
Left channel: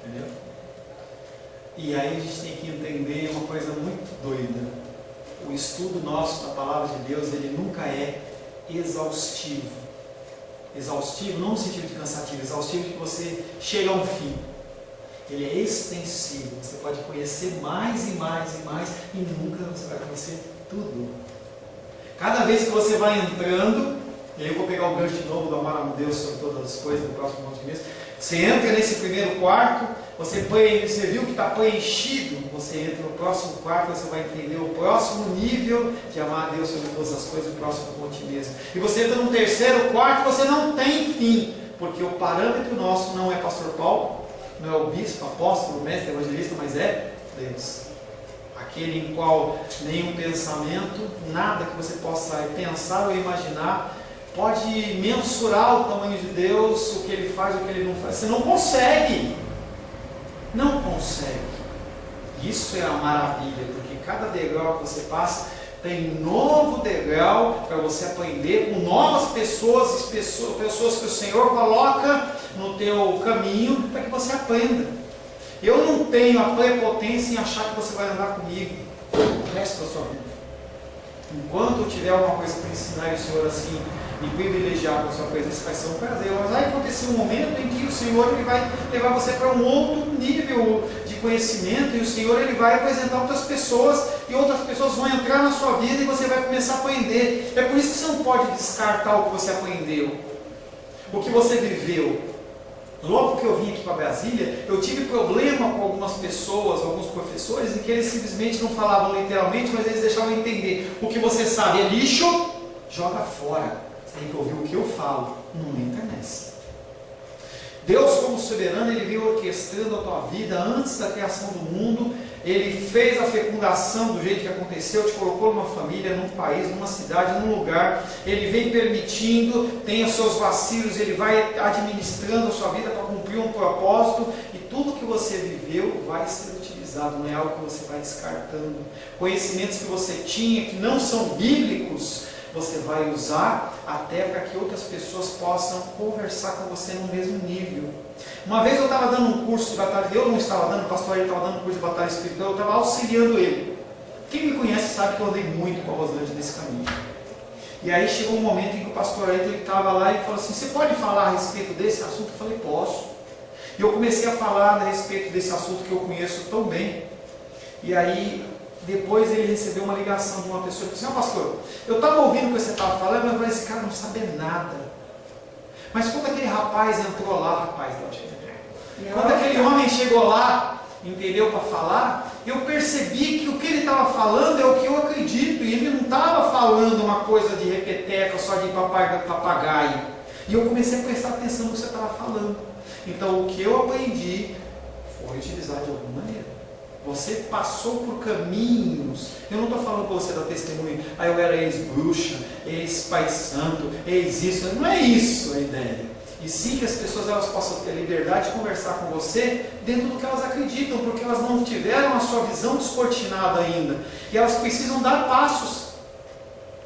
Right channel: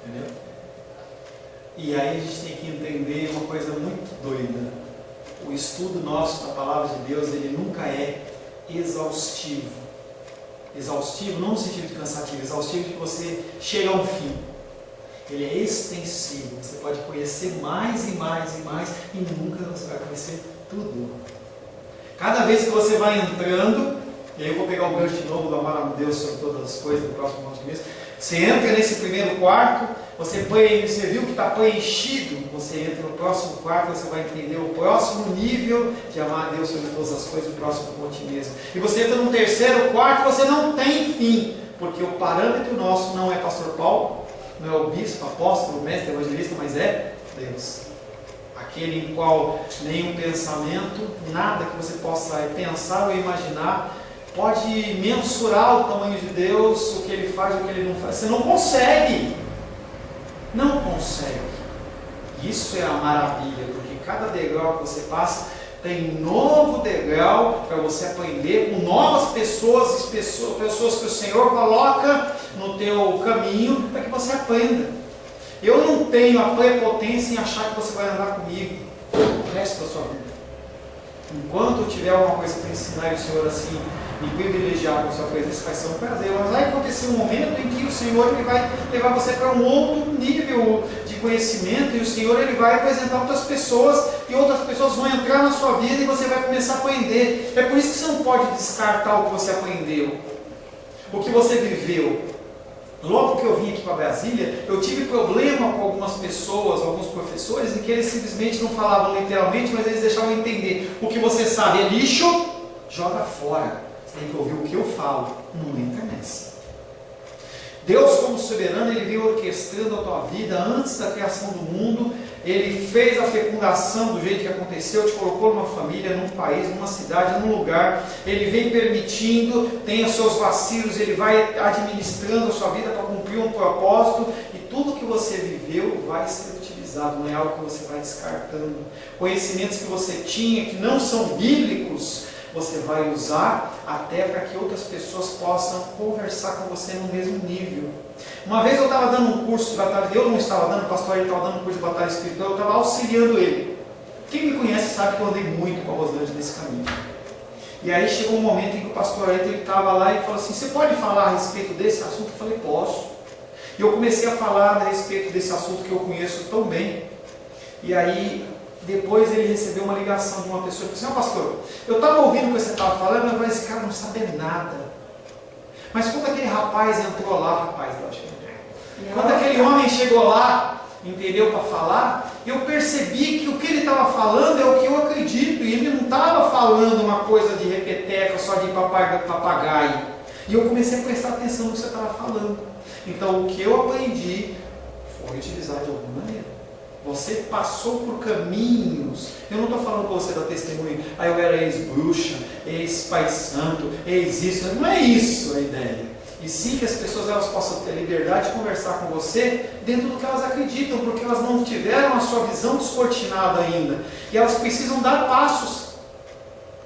Entendeu? E aí a gente tem que entender uma coisa muito doida. O estudo nosso da palavra de Deus, ele nunca é exaustivo. Exaustivo não no sentido de cansativo, exaustivo de que você chega a um fim. Ele é extensivo. Você pode conhecer mais e mais e mais e nunca você vai conhecer tudo. Cada vez que você vai entrando, e aí eu vou pegar o gancho de novo do amar a Deus sobre todas as coisas no próximo monte de mês. Você entra nesse primeiro quarto, você viu que está preenchido, você entra no próximo quarto, você vai entender o próximo nível de amar a Deus sobre todas as coisas, o próximo monte mesmo. E você entra no terceiro quarto, você não tem fim, porque o parâmetro nosso não é pastor Paulo, não é o bispo, apóstolo, mestre, evangelista, mas é Deus. Aquele em qual nenhum pensamento, nada que você possa pensar ou imaginar, pode mensurar o tamanho de Deus, o que Ele faz, o que Ele não faz. Você não consegue. Não consegue. Isso é a maravilha, porque cada degrau que você passa tem novo degrau para você aprender com novas pessoas que o Senhor coloca no teu caminho para que você aprenda. Eu não tenho a prepotência em achar que você vai andar comigo o resto da sua vida. Enquanto eu tiver alguma coisa para ensinar e o Senhor assim me privilegiar com a sua presença, vai ser um prazer. Mas vai acontecer um momento em que o Senhor ele vai levar você para um outro nível de conhecimento e o Senhor ele vai apresentar outras pessoas e outras pessoas vão entrar na sua vida e você vai começar a aprender. É por isso que você não pode descartar o que você aprendeu, o que você viveu. Logo que eu vim aqui para Brasília, eu tive problema com algumas pessoas, alguns professores, em que eles simplesmente não falavam literalmente, mas eles deixavam entender: o que você sabe é lixo, joga fora. Você tem que ouvir o que eu falo, não entra nessa. Deus, como soberano, Ele veio orquestrando a tua vida antes da criação do mundo. Ele fez a fecundação do jeito que aconteceu, te colocou numa família, num país, numa cidade, num lugar. Ele vem permitindo, tem os seus vacilos, Ele vai administrando a sua vida para cumprir um propósito. E tudo que você viveu vai ser utilizado, não é algo que você vai descartando. Conhecimentos que você tinha que não são bíblicos, você vai usar até para que outras pessoas possam conversar com você no mesmo nível. Uma vez eu estava dando um curso de batalha, eu não estava dando, o pastor ele estava dando um curso de batalha espiritual, eu estava auxiliando ele. Quem me conhece sabe que eu andei muito com a Rosângela nesse caminho. E aí chegou um momento em que o pastor ele estava lá e falou assim: você pode falar a respeito desse assunto? Eu falei: posso. E eu comecei a falar a respeito desse assunto que eu conheço tão bem. E aí, depois ele recebeu uma ligação de uma pessoa que disse: pastor, eu estava ouvindo o que você estava falando, mas esse cara não sabe nada. Mas quando aquele rapaz entrou lá, quando aquele homem chegou lá, entendeu, para falar, eu percebi que o que ele estava falando é o que eu acredito, e ele não estava falando uma coisa de repeteca, só de papagaio. E eu comecei a prestar atenção no que você estava falando. Então o que eu aprendi foi utilizar de alguma maneira. Você passou por caminhos. Eu não estou falando para você dar testemunho, eu era ex-bruxa, ex-pai santo, ex-isso. Não é isso a ideia. E sim que as pessoas elas possam ter a liberdade de conversar com você dentro do que elas acreditam, porque elas não tiveram a sua visão descortinada ainda. E elas precisam dar passos.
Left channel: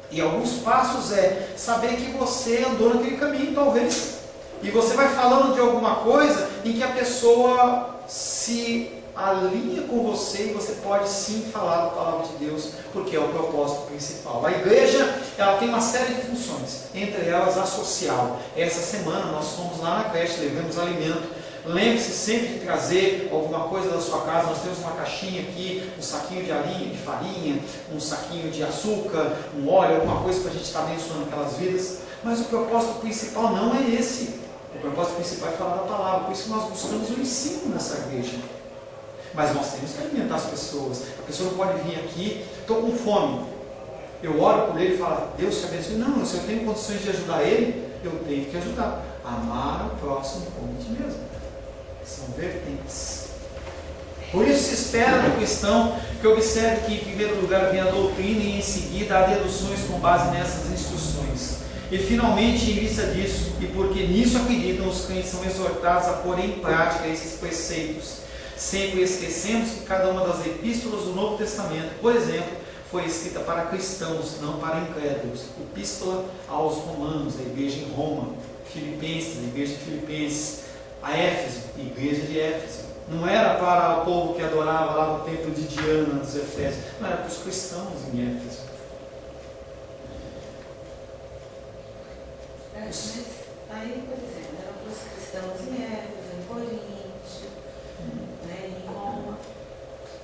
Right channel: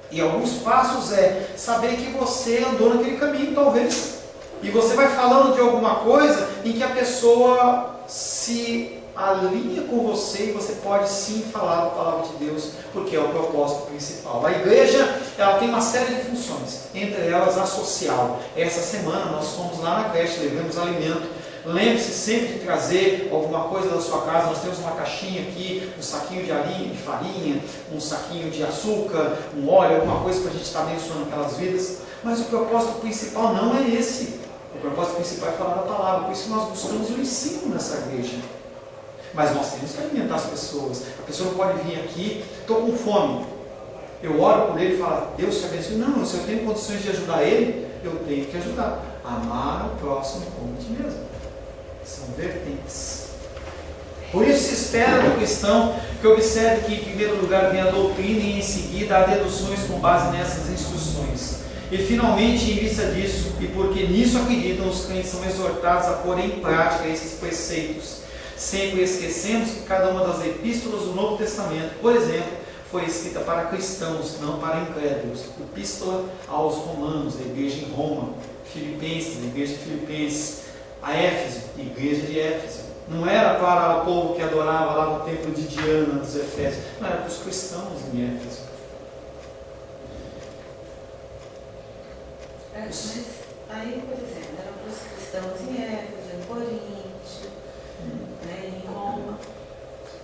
E alguns passos é saber que você andou naquele caminho, talvez. E você vai falando de alguma coisa em que a pessoa se alinha com você, e você pode sim falar da palavra de Deus, porque é o propósito principal. A igreja, ela tem uma série de funções, entre elas a social. Essa semana nós fomos lá na creche, levamos alimento. Lembre-se sempre de trazer alguma coisa da sua casa. Nós temos uma caixinha aqui, um saquinho de farinha, um saquinho de açúcar, um óleo, alguma coisa para a gente estar abençoando aquelas vidas. Mas o propósito principal não é esse. O propósito principal é falar da palavra. Por isso nós buscamos o ensino nessa igreja. Mas nós temos que alimentar as pessoas. A pessoa não pode vir aqui: estou com fome. Eu oro por ele e falo: Deus te abençoe. Não, se eu tenho condições de ajudar ele, eu tenho que ajudar. Amar o próximo como a ti mesmo. São vertentes. Por isso se espera do cristão que observe que em primeiro lugar vem a doutrina e em seguida há deduções com base nessas instruções. E finalmente, em vista disso, e porque nisso acreditam, os crentes são exortados a pôr em prática esses preceitos. Sempre esquecemos que cada uma das epístolas do Novo Testamento, por exemplo, foi escrita para cristãos, não para incrédulos. Epístola aos Romanos, a igreja em Roma. Filipenses, a igreja de Filipenses. A Éfeso, a igreja de Éfeso. Não era para o povo que adorava lá no templo de Diana dos Efésios. Não, era para os cristãos em Éfeso. Mas aí, por exemplo, era para os cristãos em Éfeso, em Corinto, em Roma.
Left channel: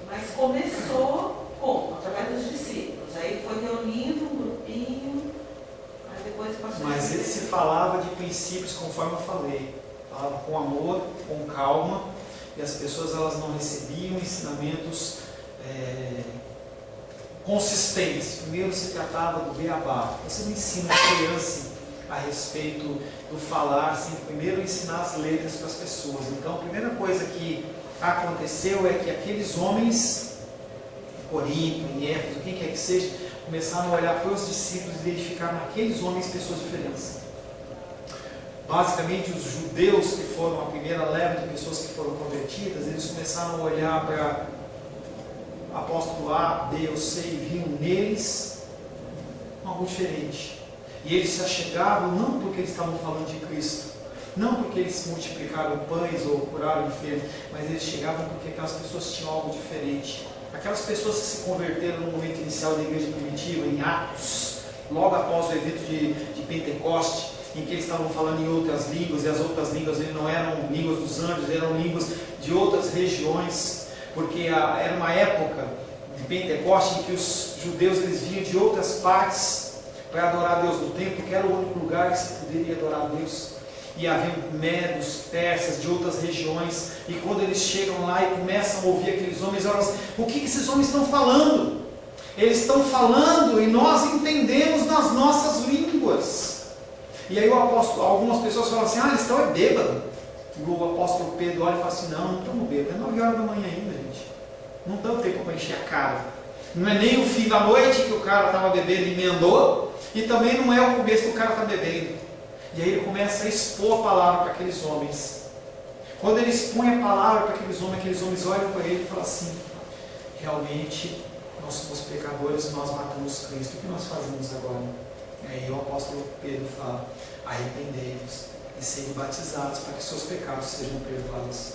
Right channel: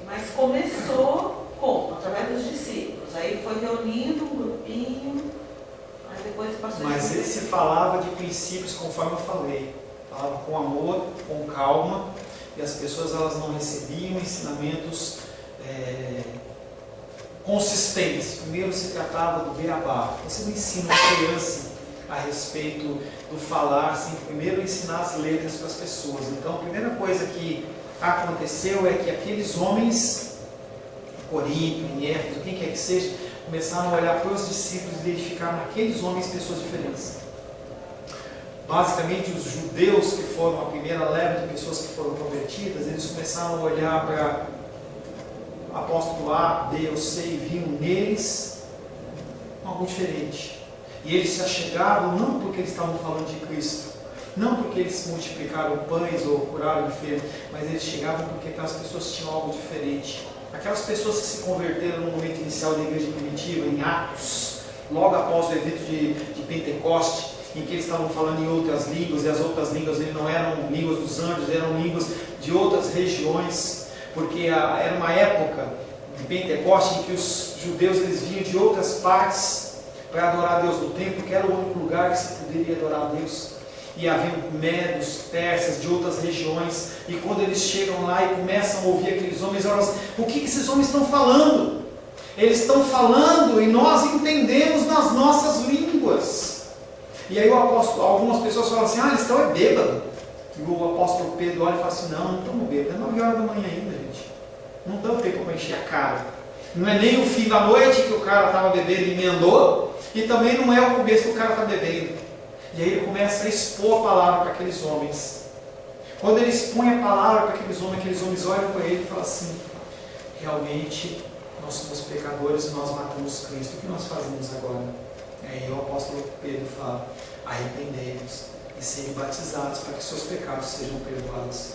Mas começou como? Através dos discípulos. Aí foi reunindo um grupinho, aí depois passou. Mas ele se falava de princípios, conforme eu falei. Falava com amor, com calma, e as pessoas elas não recebiam ensinamentos consistentes. Primeiro se tratava do beabá. Você não ensina a criança a respeito do falar, assim, primeiro ensinar as letras para as pessoas. Então a primeira coisa que aconteceu é que aqueles homens, em Corinto, em Éfeso, quem quer que seja, começaram a olhar para os discípulos e verificar naqueles homens pessoas diferentes. Basicamente, os judeus que foram a primeira leva de pessoas que foram convertidas, eles começaram a olhar para apóstolo A, B ou C e viam neles algo diferente. E eles se achegavam não porque eles estavam falando de Cristo, não porque eles multiplicaram pães ou curaram enfermos, mas eles chegavam porque aquelas pessoas tinham algo diferente. Aquelas pessoas que se converteram no momento inicial da igreja primitiva, em Atos, logo após o evento de Pentecoste, em que eles estavam falando em outras línguas, e as outras línguas não eram línguas dos anjos, eram línguas de outras regiões, porque era uma época de Pentecoste em que os judeus eles vinham de outras partes para adorar a Deus no templo, que era o único lugar que se poderia adorar a Deus. E haviam medos, persas, de outras regiões, e quando eles chegam lá e começam a ouvir aqueles homens, elas, o que esses homens estão falando? Eles estão falando e nós entendemos nas nossas línguas. E aí algumas pessoas falam assim: eles estão bêbados. E o apóstolo Pedro olha e fala assim: não estamos bêbados, é 9 horas da manhã ainda, gente. Não dá tempo para encher a cara. Não é nem o fim da noite que o cara estava bebendo e emendou, e também não é o começo que o cara está bebendo. E aí ele começa a expor a palavra para aqueles homens. Quando ele expõe a palavra para aqueles homens olham para ele e falam assim: realmente nós somos pecadores e nós matamos Cristo, o que nós fazemos agora? E aí o apóstolo Pedro fala: arrependei-vos e sejam batizados para que seus pecados sejam perdoados.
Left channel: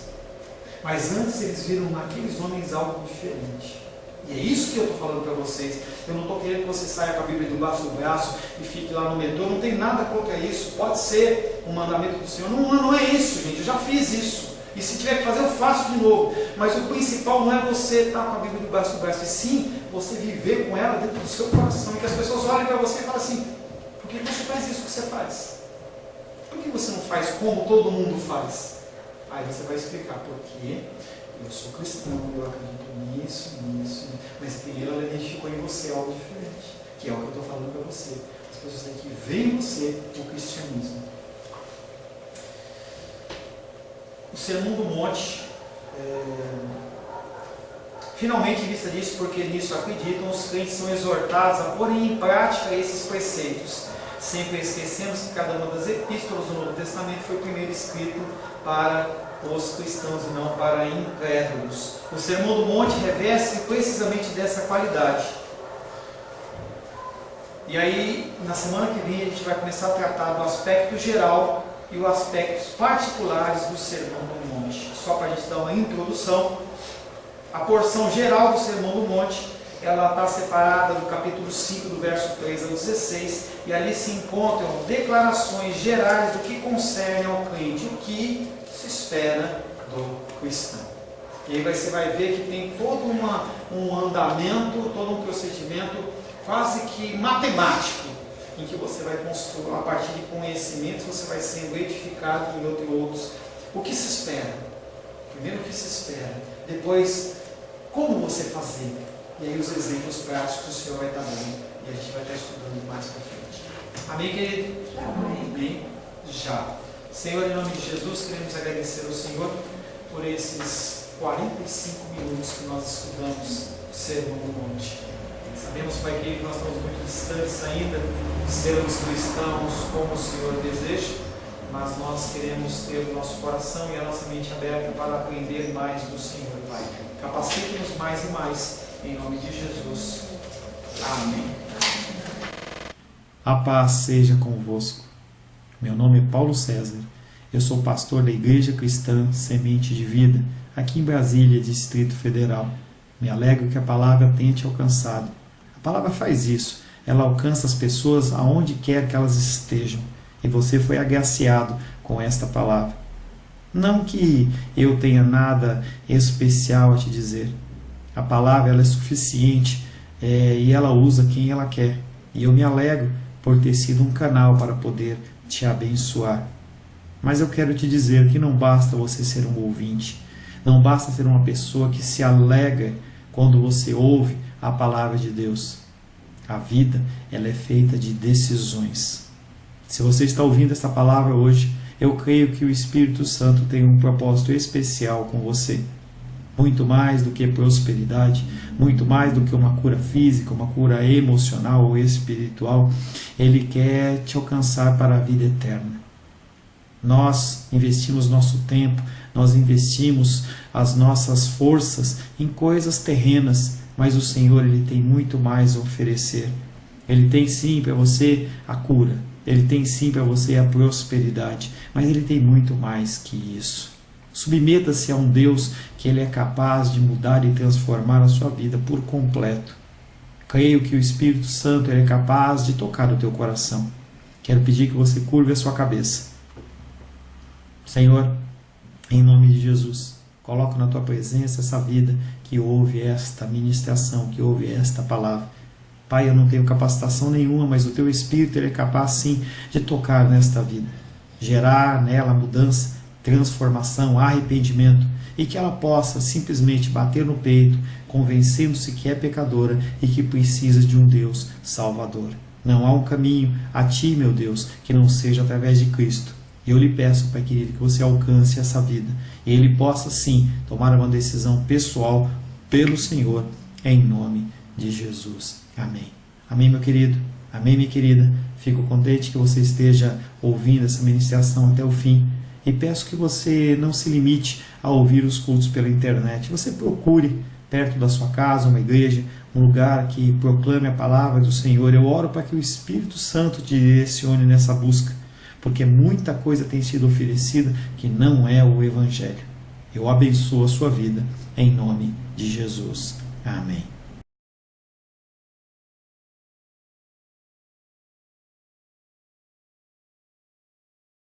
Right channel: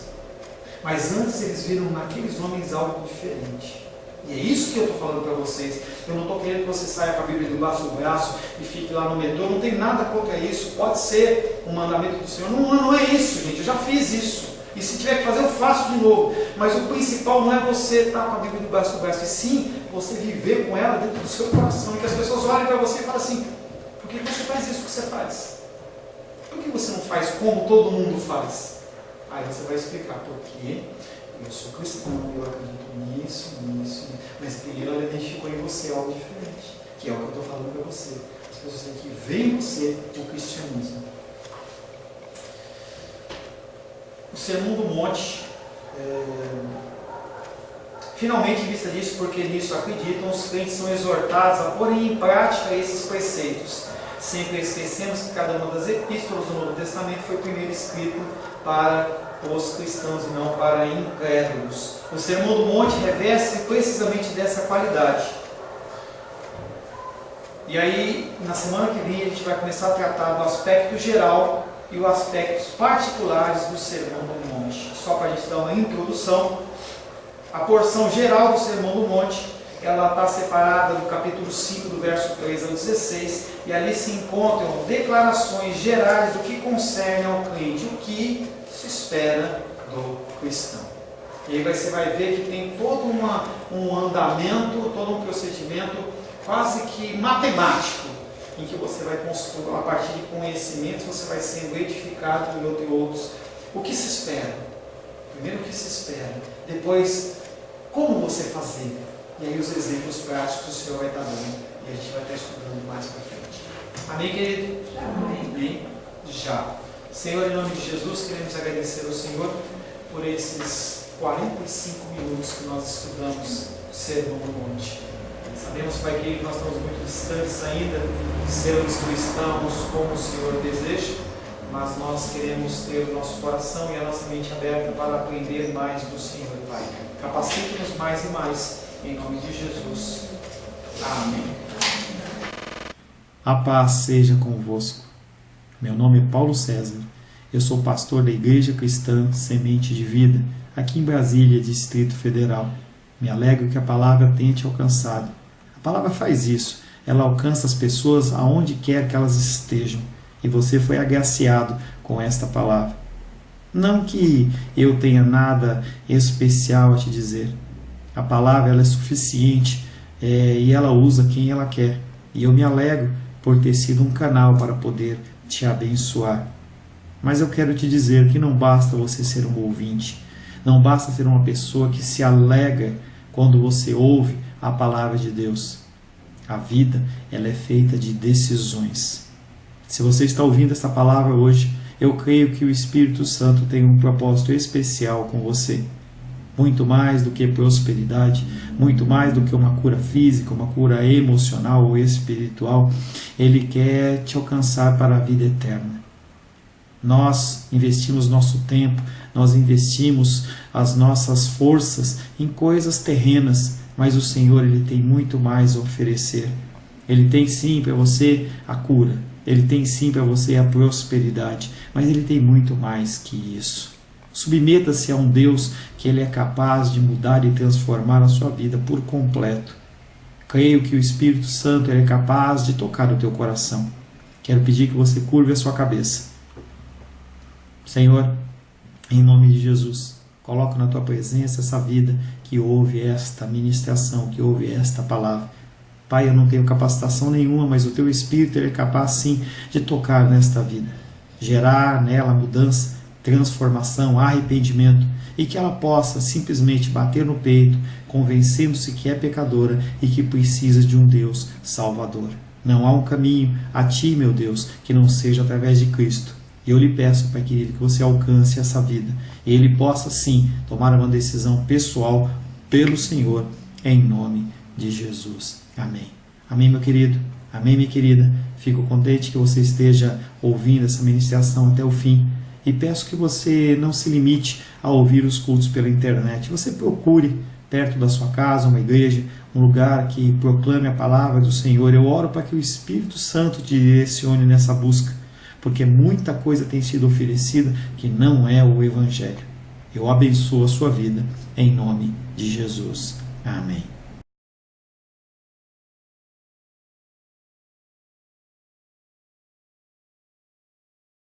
Mas antes eles viram naqueles homens algo diferente. E é isso que eu estou falando para vocês. Eu não estou querendo que você saia com a Bíblia debaixo do braço e fique lá no metrô. Não tem nada contra isso. Pode ser um mandamento do Senhor. Não é isso, gente. Eu já fiz isso. E se tiver que fazer, eu faço de novo. Mas o principal não é você estar com a Bíblia debaixo do braço, e sim você viver com ela dentro do seu coração. E que as pessoas olhem para você e falem assim: por que você faz isso que você faz? Por que você não faz como todo mundo faz? Aí você vai explicar: porque eu sou cristão, eu acredito nisso. Mas primeiro ela identificou em você algo diferente, que é o que eu estou falando para você. As pessoas têm que ver em você o cristianismo. O Sermão do Monte, finalmente, em vista disso, porque nisso acreditam, os crentes são exortados a pôr em prática esses preceitos, sempre esquecemos que cada uma das epístolas do Novo Testamento foi primeiro escrito para os cristãos e não para incrédulos. O Sermão do Monte reveste precisamente dessa qualidade. E aí, na semana que vem, a gente vai começar a tratar do aspecto geral e os aspectos particulares do Sermão do Monte. Só para a gente dar uma introdução, a porção geral do Sermão do Monte, ela está separada do capítulo 5, do verso 3 ao 16, e ali se encontram declarações gerais do que concerne ao crente, o que se espera do cristão. E aí você vai ver que tem todo um andamento, todo um procedimento quase que matemático, em que você vai construir, a partir de conhecimentos, você vai sendo edificado em outros. O que se espera? Primeiro, o que se espera. Depois, como você fazer. E aí os exemplos práticos o Senhor vai estar dando. E a gente vai estar estudando mais para frente. Amém, querido? Amém. Já. Senhor, em nome de Jesus, queremos agradecer ao Senhor por esses 45 minutos que nós estudamos o Sermão do Monte. Sabemos, Pai querido, que nós estamos muito distantes ainda de sermos cristãos como o Senhor deseja, mas nós queremos ter o nosso coração e a nossa mente aberta para aprender mais do Senhor, Pai. Capacite-nos mais e mais, em nome de Jesus. Amém. A paz seja convosco. Meu nome é Paulo César. Eu sou pastor da Igreja Cristã Semente de Vida, aqui em Brasília, Distrito Federal. Me alegro que a palavra tenha te alcançado. A palavra faz isso. Ela alcança as pessoas aonde quer que elas estejam. E você foi agraciado com esta palavra. Não que eu tenha nada especial a te dizer. A palavra ela é suficiente e ela usa quem ela quer. E eu me alegro por ter sido um canal para poder te abençoar. Mas eu quero te dizer que não basta você ser um ouvinte. Não basta ser uma pessoa que se alegra quando você ouve a palavra de Deus. A vida ela é feita de decisões. Se você está ouvindo esta palavra hoje, eu creio que o Espírito Santo tem um propósito especial com você. Muito mais do que prosperidade, muito mais do que uma cura física, uma cura emocional ou espiritual, Ele quer te alcançar para a vida eterna. Nós investimos nosso tempo, nós investimos as nossas forças em coisas terrenas, mas o Senhor Ele tem muito mais a oferecer. Ele tem sim para você a cura, Ele tem sim para você a prosperidade, mas Ele tem muito mais que isso. Submeta-se a um Deus que Ele é capaz de mudar e transformar a sua vida por completo. Creio que o Espírito Santo ele é capaz de tocar o teu coração. Quero pedir que você curve a sua cabeça. Senhor, em nome de Jesus, coloco na tua presença essa vida que ouve esta ministração, que ouve esta palavra. Pai, eu não tenho capacitação nenhuma, mas o teu Espírito ele é capaz sim de tocar nesta vida, gerar nela mudança, transformação, arrependimento, e que ela possa simplesmente bater no peito, convencendo-se que é pecadora e que precisa de um Deus salvador. Não há um caminho a ti, meu Deus, que não seja através de Cristo. E eu lhe peço, Pai querido, que você alcance essa vida e ele possa sim tomar uma decisão pessoal pelo Senhor, em nome de Jesus. Amém. Amém, meu querido. Amém, minha querida. Fico contente que você esteja ouvindo essa ministração até o fim. E peço que você não se limite a ouvir os cultos pela internet. Você procure perto da sua casa uma igreja, um lugar que proclame a palavra do Senhor. Eu oro para que o Espírito Santo te direcione nessa busca, porque muita coisa tem sido oferecida que não é o Evangelho. Eu abençoo a sua vida em nome de Jesus. Amém.